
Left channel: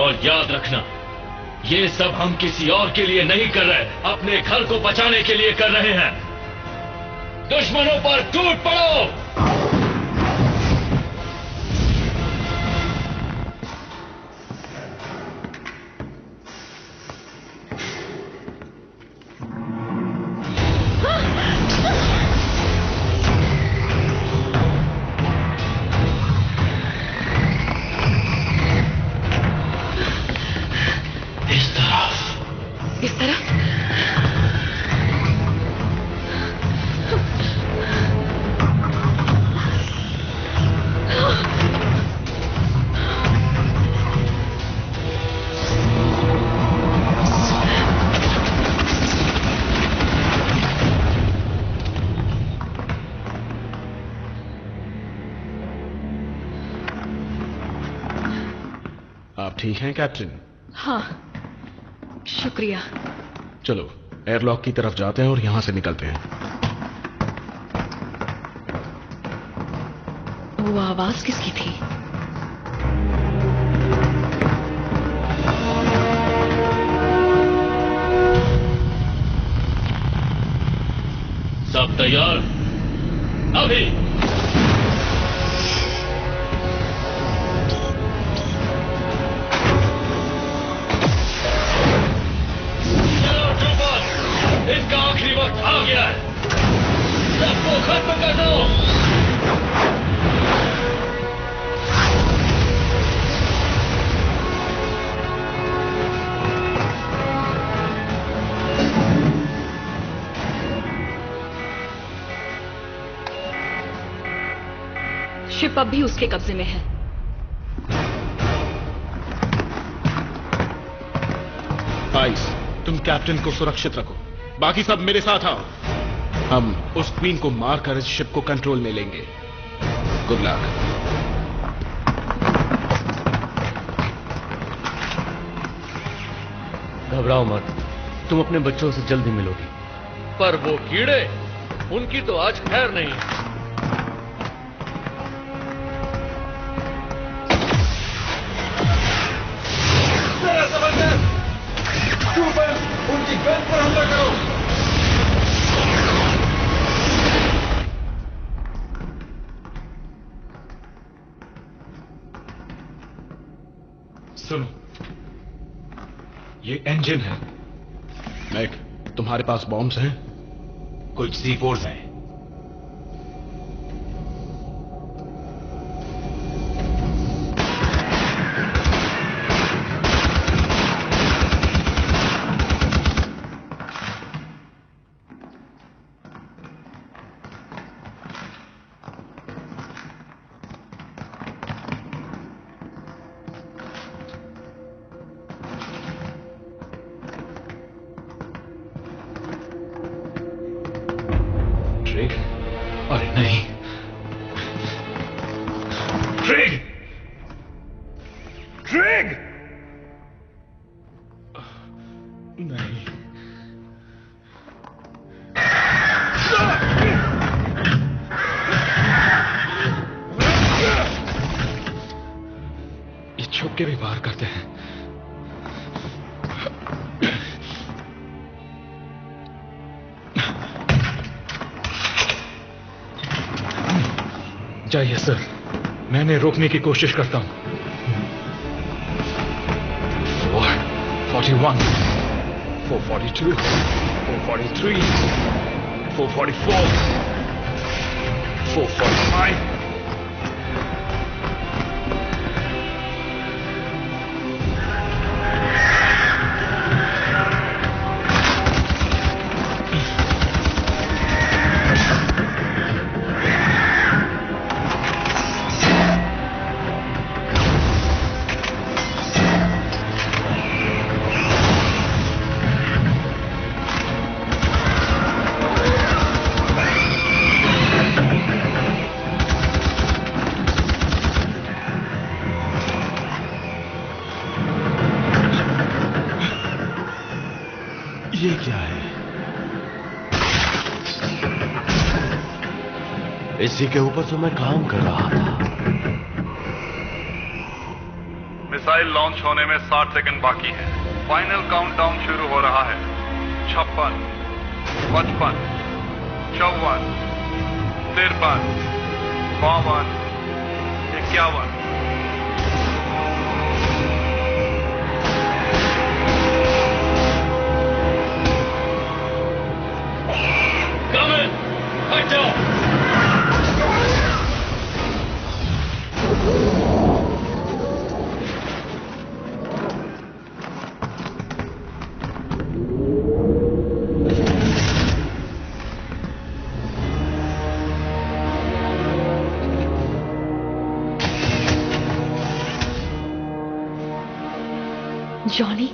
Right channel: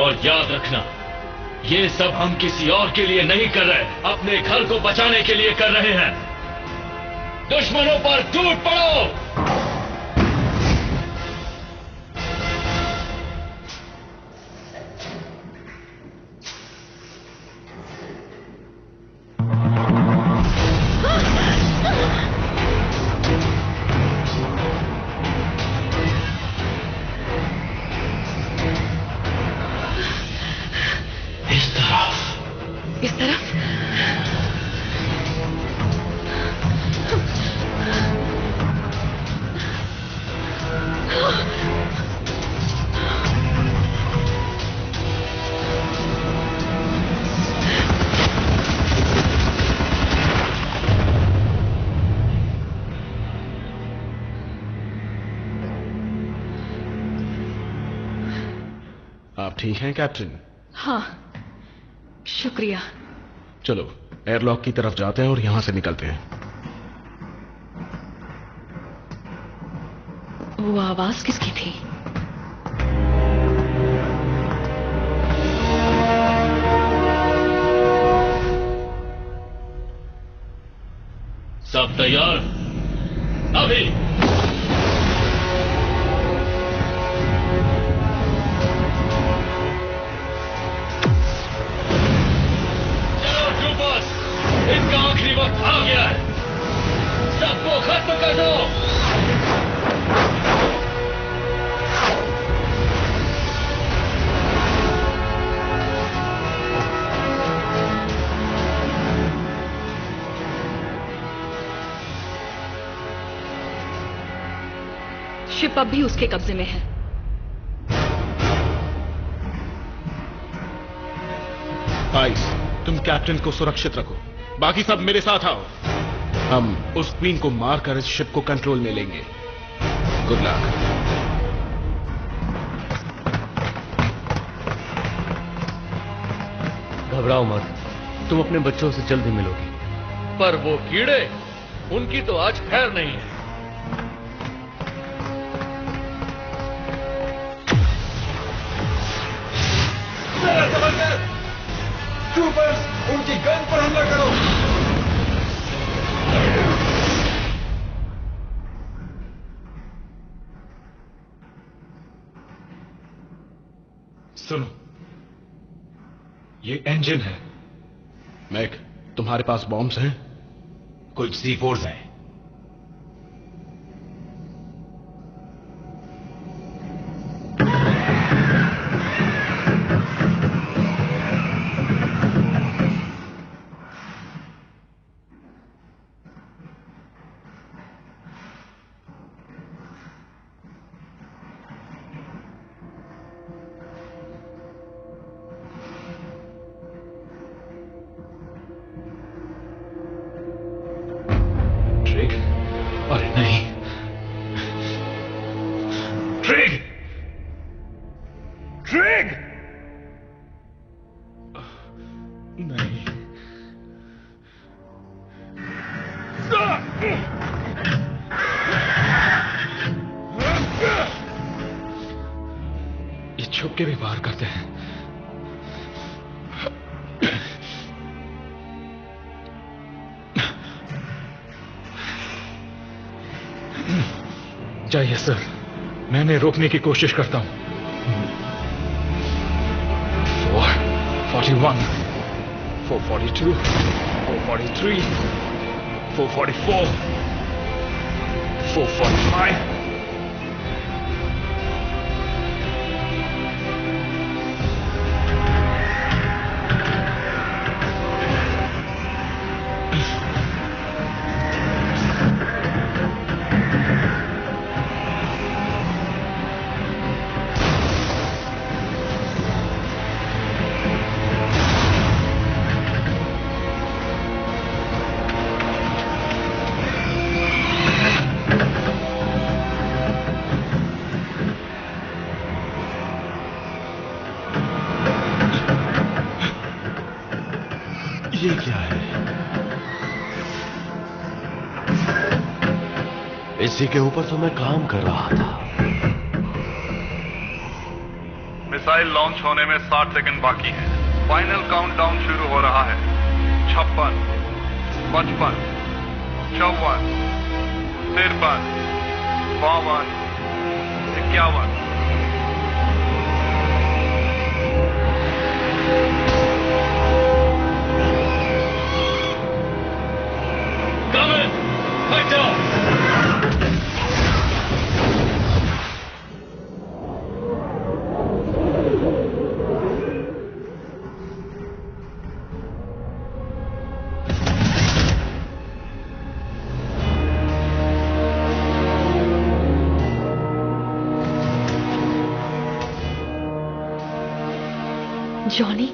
और याद रखना, ये सब हम किसी और के लिए नहीं कर रहे, अपने घर को बचाने के लिए कर रहे हैं। दुश्मनों पर टूट पड़ो। इस तरफ। आप ठीक हैं कैप्टन? हाँ, शुक्रिया। चलो एयरलॉक की तरफ जाते हैं और यहां से निकलते हैं। वो आवाज किसकी थी? सब तैयार? अभी चलो ट्रूपर्स, इनका आखिरी वक्त आ गया है। सबको खत्म कर दो। शिप अब भी उसके कब्जे में है। आइस, तुम कैप्टन को सुरक्षित रखो, बाकी सब मेरे साथ आओ। हम उस क्वीन को मारकर इस शिप को कंट्रोल में लेंगे। Good luck. घबराओ मत, तुम अपने बच्चों से जल्दी मिलोगी। पर वो कीड़े, उनकी तो आज खैर नहीं है। ट्रूपर्स, उनकी गन पर हमला करो। सुनो, ये इंजन है। मैक, तुम्हारे पास बॉम्ब्स हैं? कुछ C4s हैं। अरे नहीं, ट्रिग! ट्रिग! नहीं। ये छुप के भी वार करते हैं। चाहिए सर, मैंने रोकने की कोशिश करता हूं। 441, 442, 443, 444, 445. ये क्या है? इसी के ऊपर तो मैं काम कर रहा था। मिसाइल लॉन्च होने में 60 सेकंड बाकी है। फाइनल काउंटडाउन शुरू हो रहा है। 56, 55, 54, 53, 52, 51। जॉनी,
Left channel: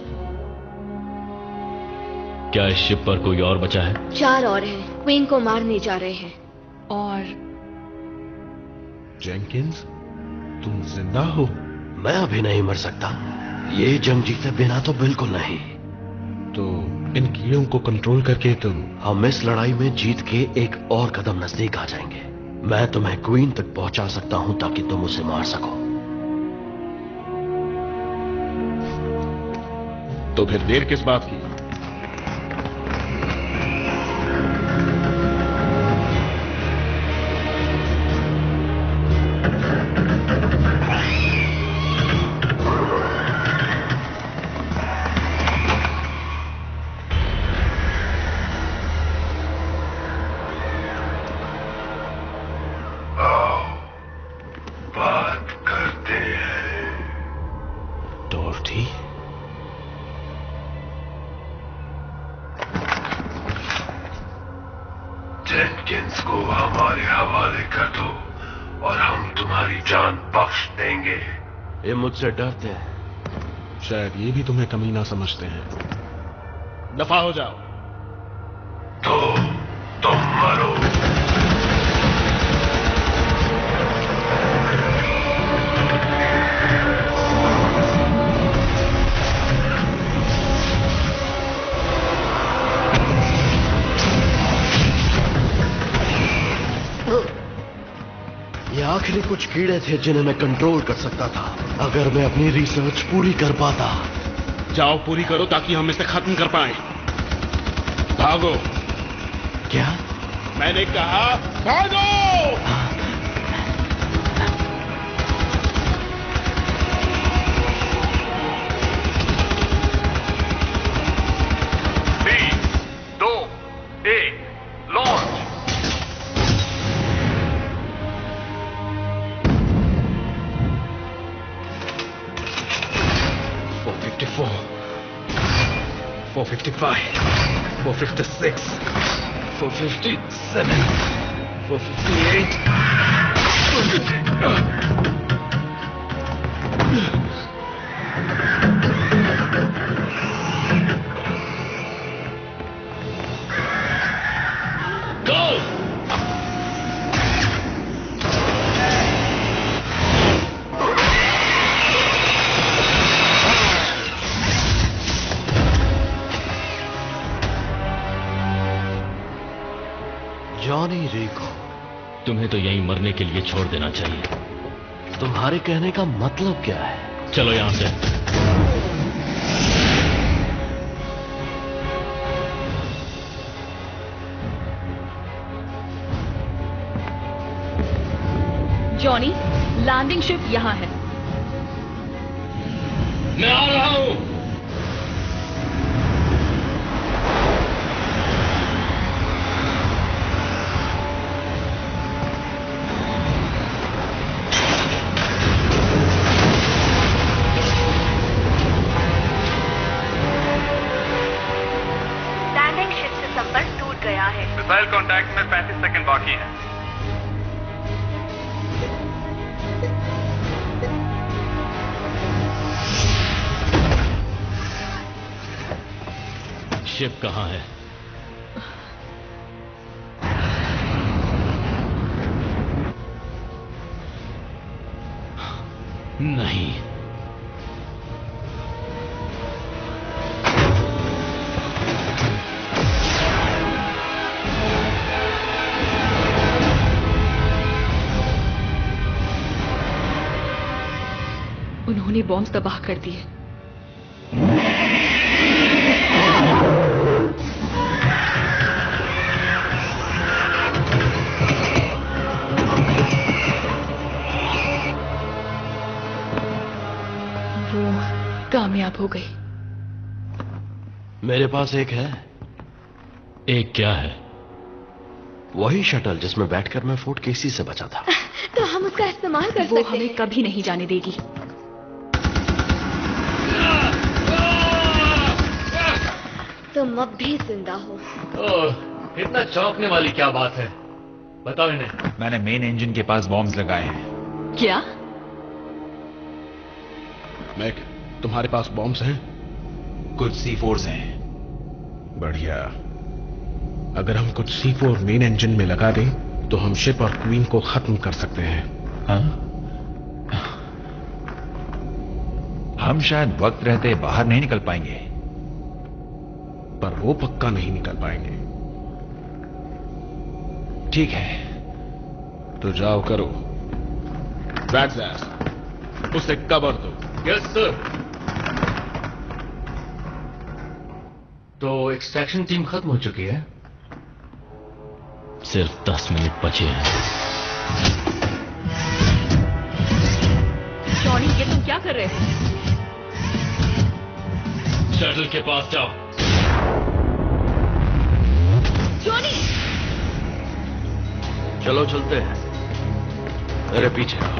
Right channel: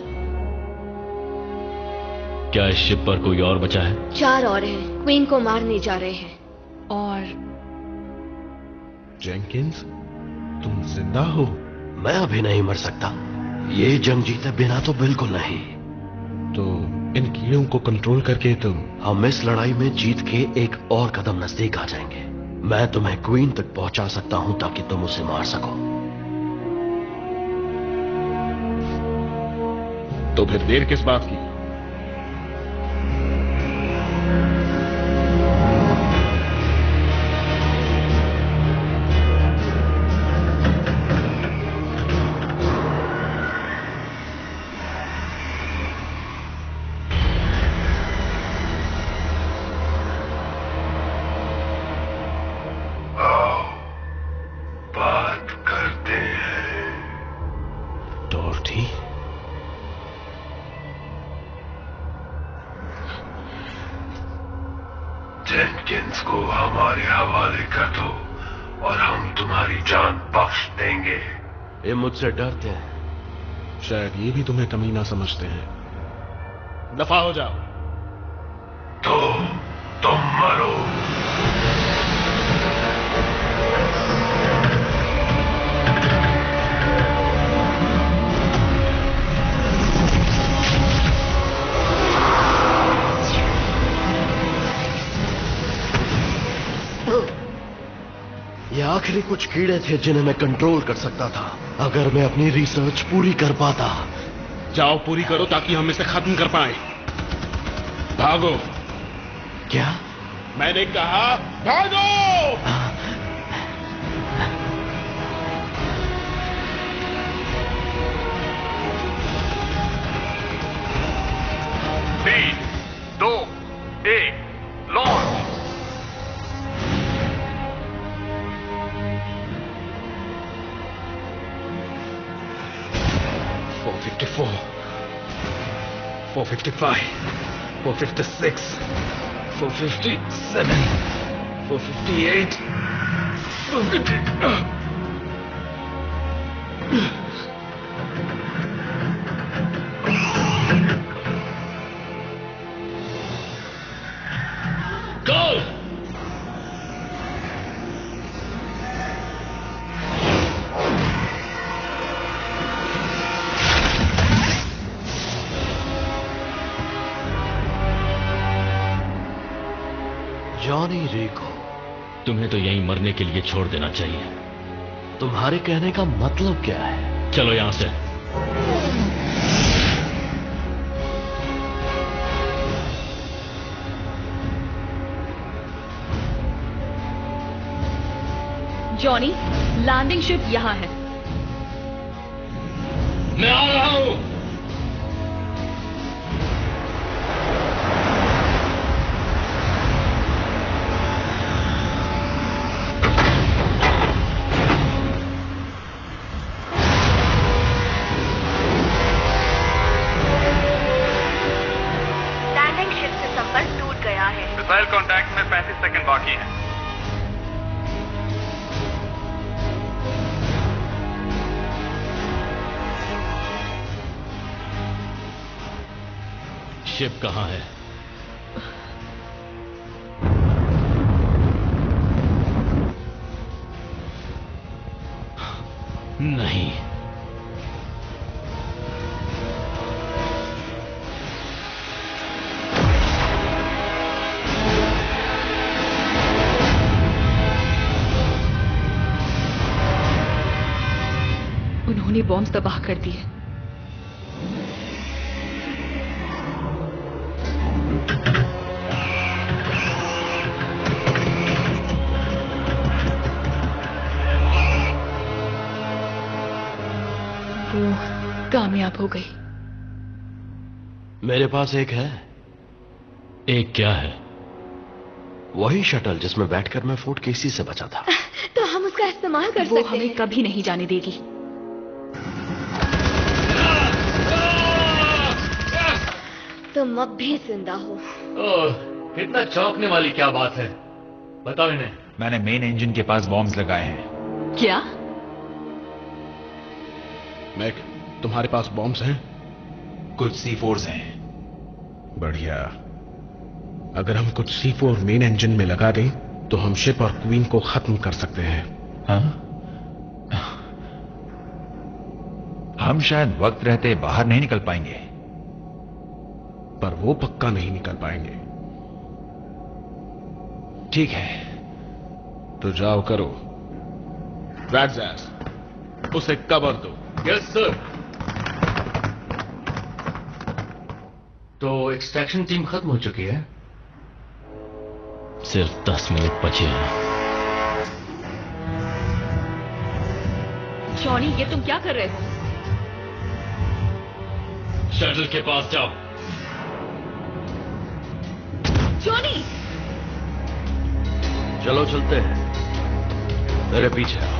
क्या इस शिप पर कोई और बचा है? 4 और हैं, क्वीन को मारने जा रहे हैं। और जेंकिंस, तुम जिंदा हो? मैं अभी नहीं मर सकता। ये जंग जीते बिना तो बिल्कुल नहीं। तो इन कीड़ों को कंट्रोल करके तुम हम इस लड़ाई में जीत के एक और कदम नजदीक आ जाएंगे। मैं तुम्हें क्वीन तक पहुंचा सकता हूं ताकि तुम उसे मार सको। तो फिर देर किस बात की? जेनकिंस को हमारे हवाले कर दो और हम तुम्हारी जान बख्श देंगे। ये मुझसे डरते हैं। शायद ये भी तुम्हें कमीना समझते हैं। दफा हो जाओ। तो तुम मरो। ये आखिरी कुछ कीड़े थे जिन्हें मैं कंट्रोल कर सकता था अगर मैं अपनी रिसर्च पूरी कर पाता। जाओ पूरी करो ताकि हम इसे खत्म कर पाए। भागो। क्या? मैंने कहा भागो। 3, 2, 1, लॉन्च। $454, $455, $456, $457, $458. Go! जॉनी रिको, तुम्हें तो यहीं मरने के लिए छोड़ देना चाहिए। तुम्हारे कहने का मतलब क्या है? चलो यहां से। जॉनी, लैंडिंग शिप यहां है। मैं आ रहा हूं। लैंडिंग शिप से संपर्क टूट गया है। मिसाइल कांटेक्ट में 35 सेकंड बाकी हैं। शिप कहां है? नहीं। उन्होंने बॉम्ब तबाह कर दिए। वो कामयाब हो गई। मेरे पास एक है। एक क्या है? वही शटल जिसमें बैठकर मैं फोर्ट केसी से बचा था। तो हम उसका इस्तेमाल कर सकते हैं। वो हमें कभी नहीं जाने देगी। तुम अब भी जिंदा हो। ओह, इतना चौंकने वाली क्या बात है? बताओ इन्हें। मैंने मेन इंजन के पास बॉम्ब्स लगाए हैं। क्या? मैक, तुम्हारे पास बॉम्ब्स हैं? कुछ C4s हैं। बढ़िया। अगर हम कुछ C4 मेन इंजन में लगा दें तो हम शिप और क्वीन को खत्म कर सकते हैं। हाँ? हम शायद वक्त रहते बाहर नहीं निकल पाएंगे। पर वो पक्का नहीं निकल पाएंगे। ठीक है, तो जाओ करो। रैट्स एस, उसे कवर दो। Yes sir. तो एक्सट्रैक्शन टीम खत्म हो चुकी है। सिर्फ 10 मिनट बचे हैं। जॉनी, ये तुम क्या कर रहे हो? शटल के पास जाओ। जॉनी! चलो चलते हैं, मेरे पीछे आओ।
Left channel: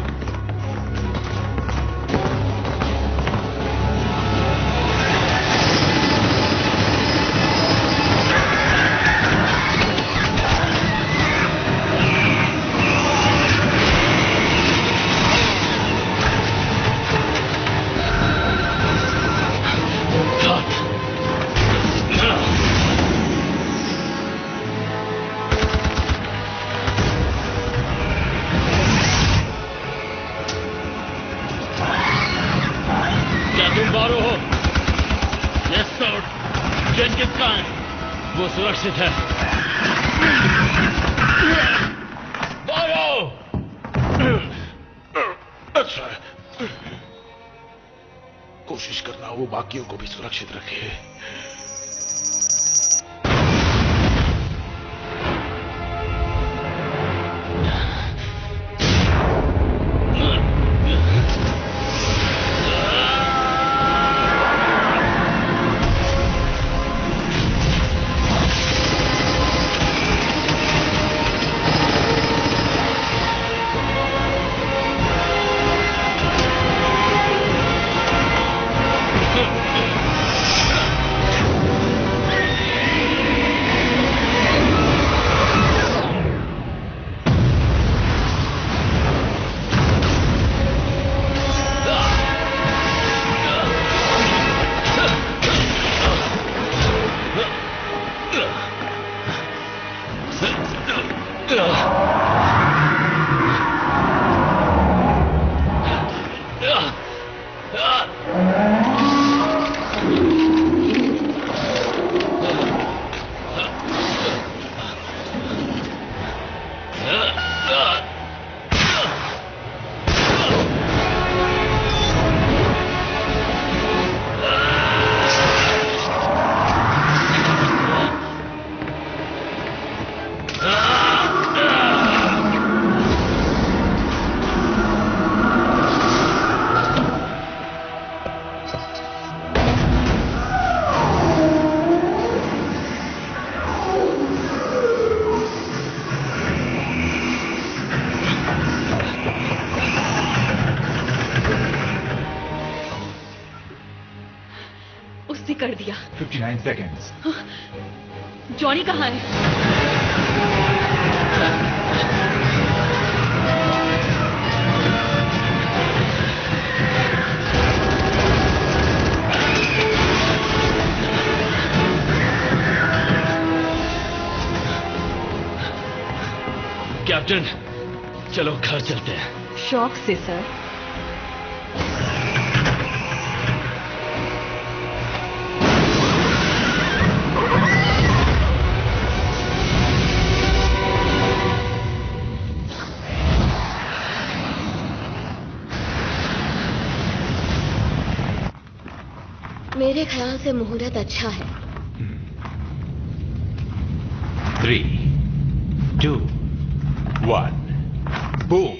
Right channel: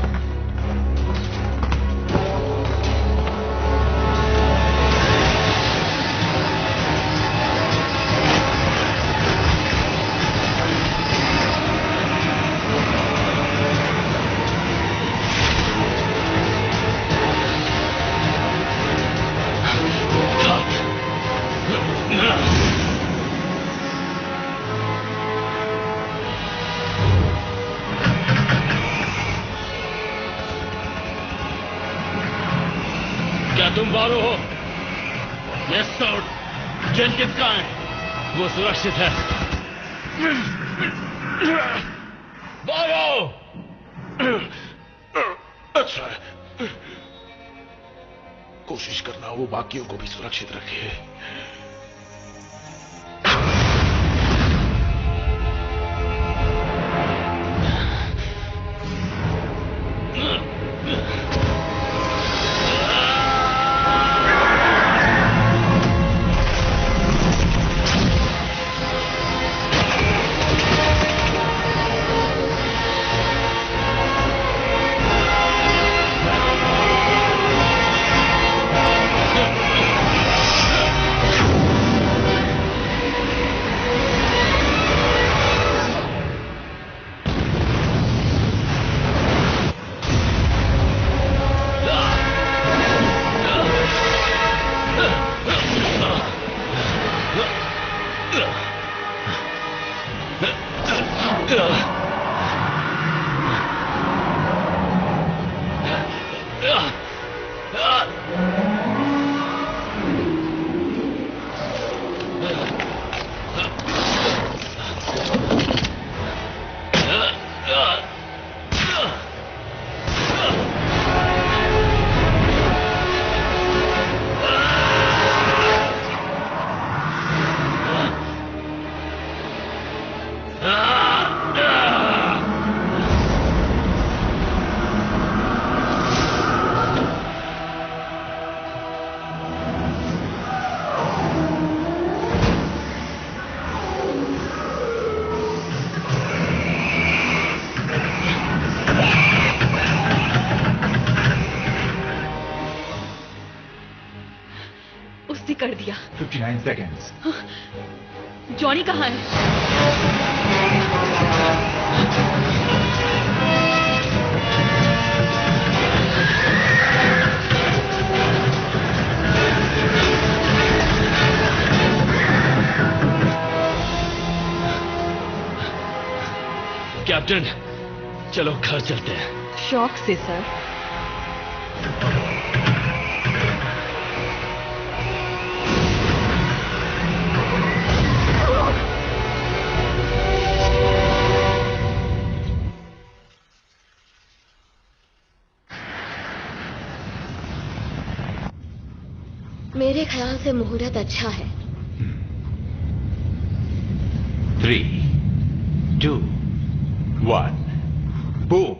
तुम बारो हो? Yes sir. जेनकिंस कहाँ है? वो सुरक्षित है। बारो! अच्छा है। कोशिश करना वो बाकियों को भी सुरक्षित रखे। कर दिया। 59 seconds। जॉनी कहाँ है? कैप्टन, चलो घर चलते हैं। शौक से सर। मेरे ख्याल से मुहूर्त अच्छा है। 3, 2, 1, बूम।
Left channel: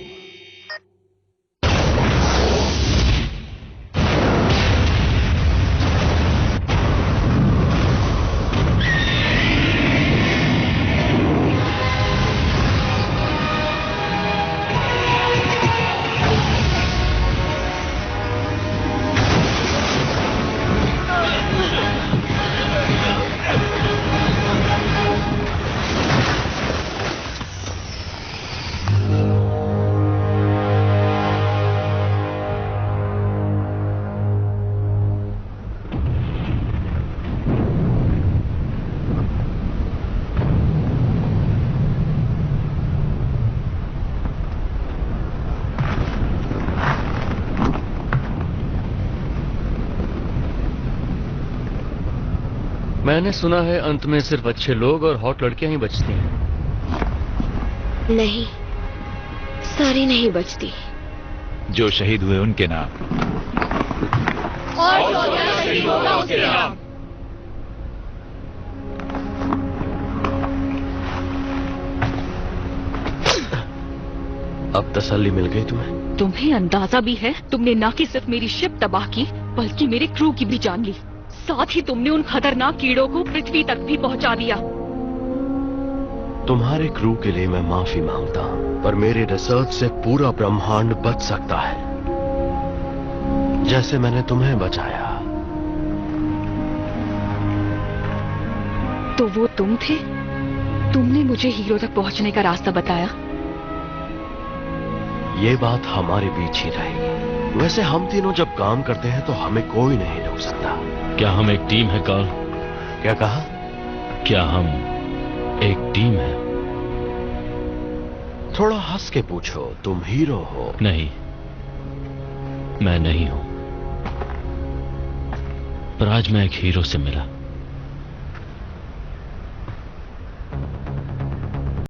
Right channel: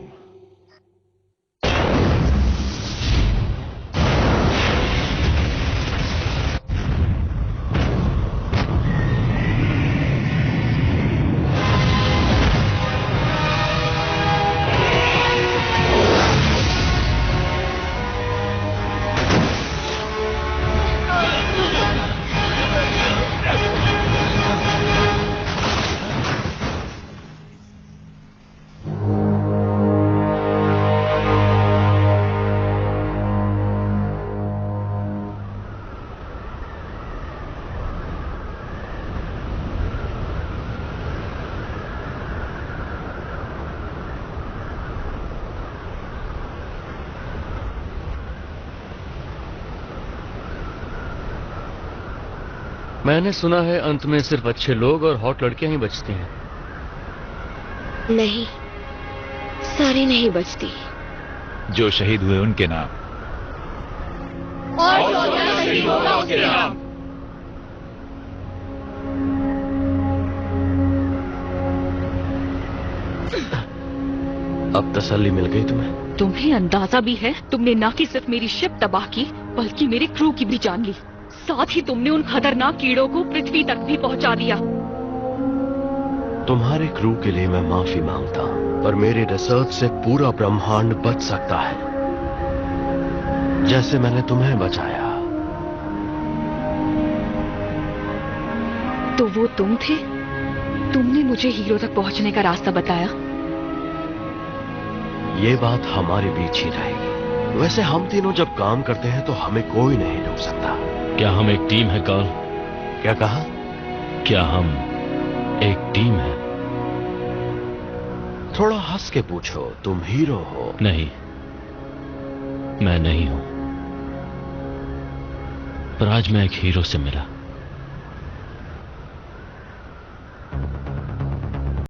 मैंने सुना है अंत में सिर्फ अच्छे लोग और हॉट लड़कियां ही बचती हैं। नहीं, सारी नहीं बचती। जो शहीद हुए उनके नाम। और शहीद होगा उसके नाम। अब तसल्ली मिल गई तुम्हें? तुम्हें अंदाजा भी है? तुमने ना कि सिर्फ मेरी शिप तबाह की बल्कि मेरे क्रू की भी जान ली। साथ ही तुमने उन खतरनाक कीड़ों को पृथ्वी तक भी पहुंचा दिया। तुम्हारे क्रू के लिए मैं माफी मांगता हूं, पर मेरे रिसर्च से पूरा ब्रह्मांड बच सकता है, जैसे मैंने तुम्हें बचाया। तो वो तुम थे? तुमने मुझे हीरो तक पहुंचने का रास्ता बताया? ये बात हमारे बीच ही रहेगी। वैसे हम तीनों जब काम करते हैं तो हमें कोई नहीं रोक सकता। क्या हम एक टीम है कार्ल? क्या कहा? क्या हम एक टीम है? थोड़ा हंस के पूछो, तुम हीरो हो? नहीं, मैं नहीं हूं, पर आज मैं एक हीरो से मिला।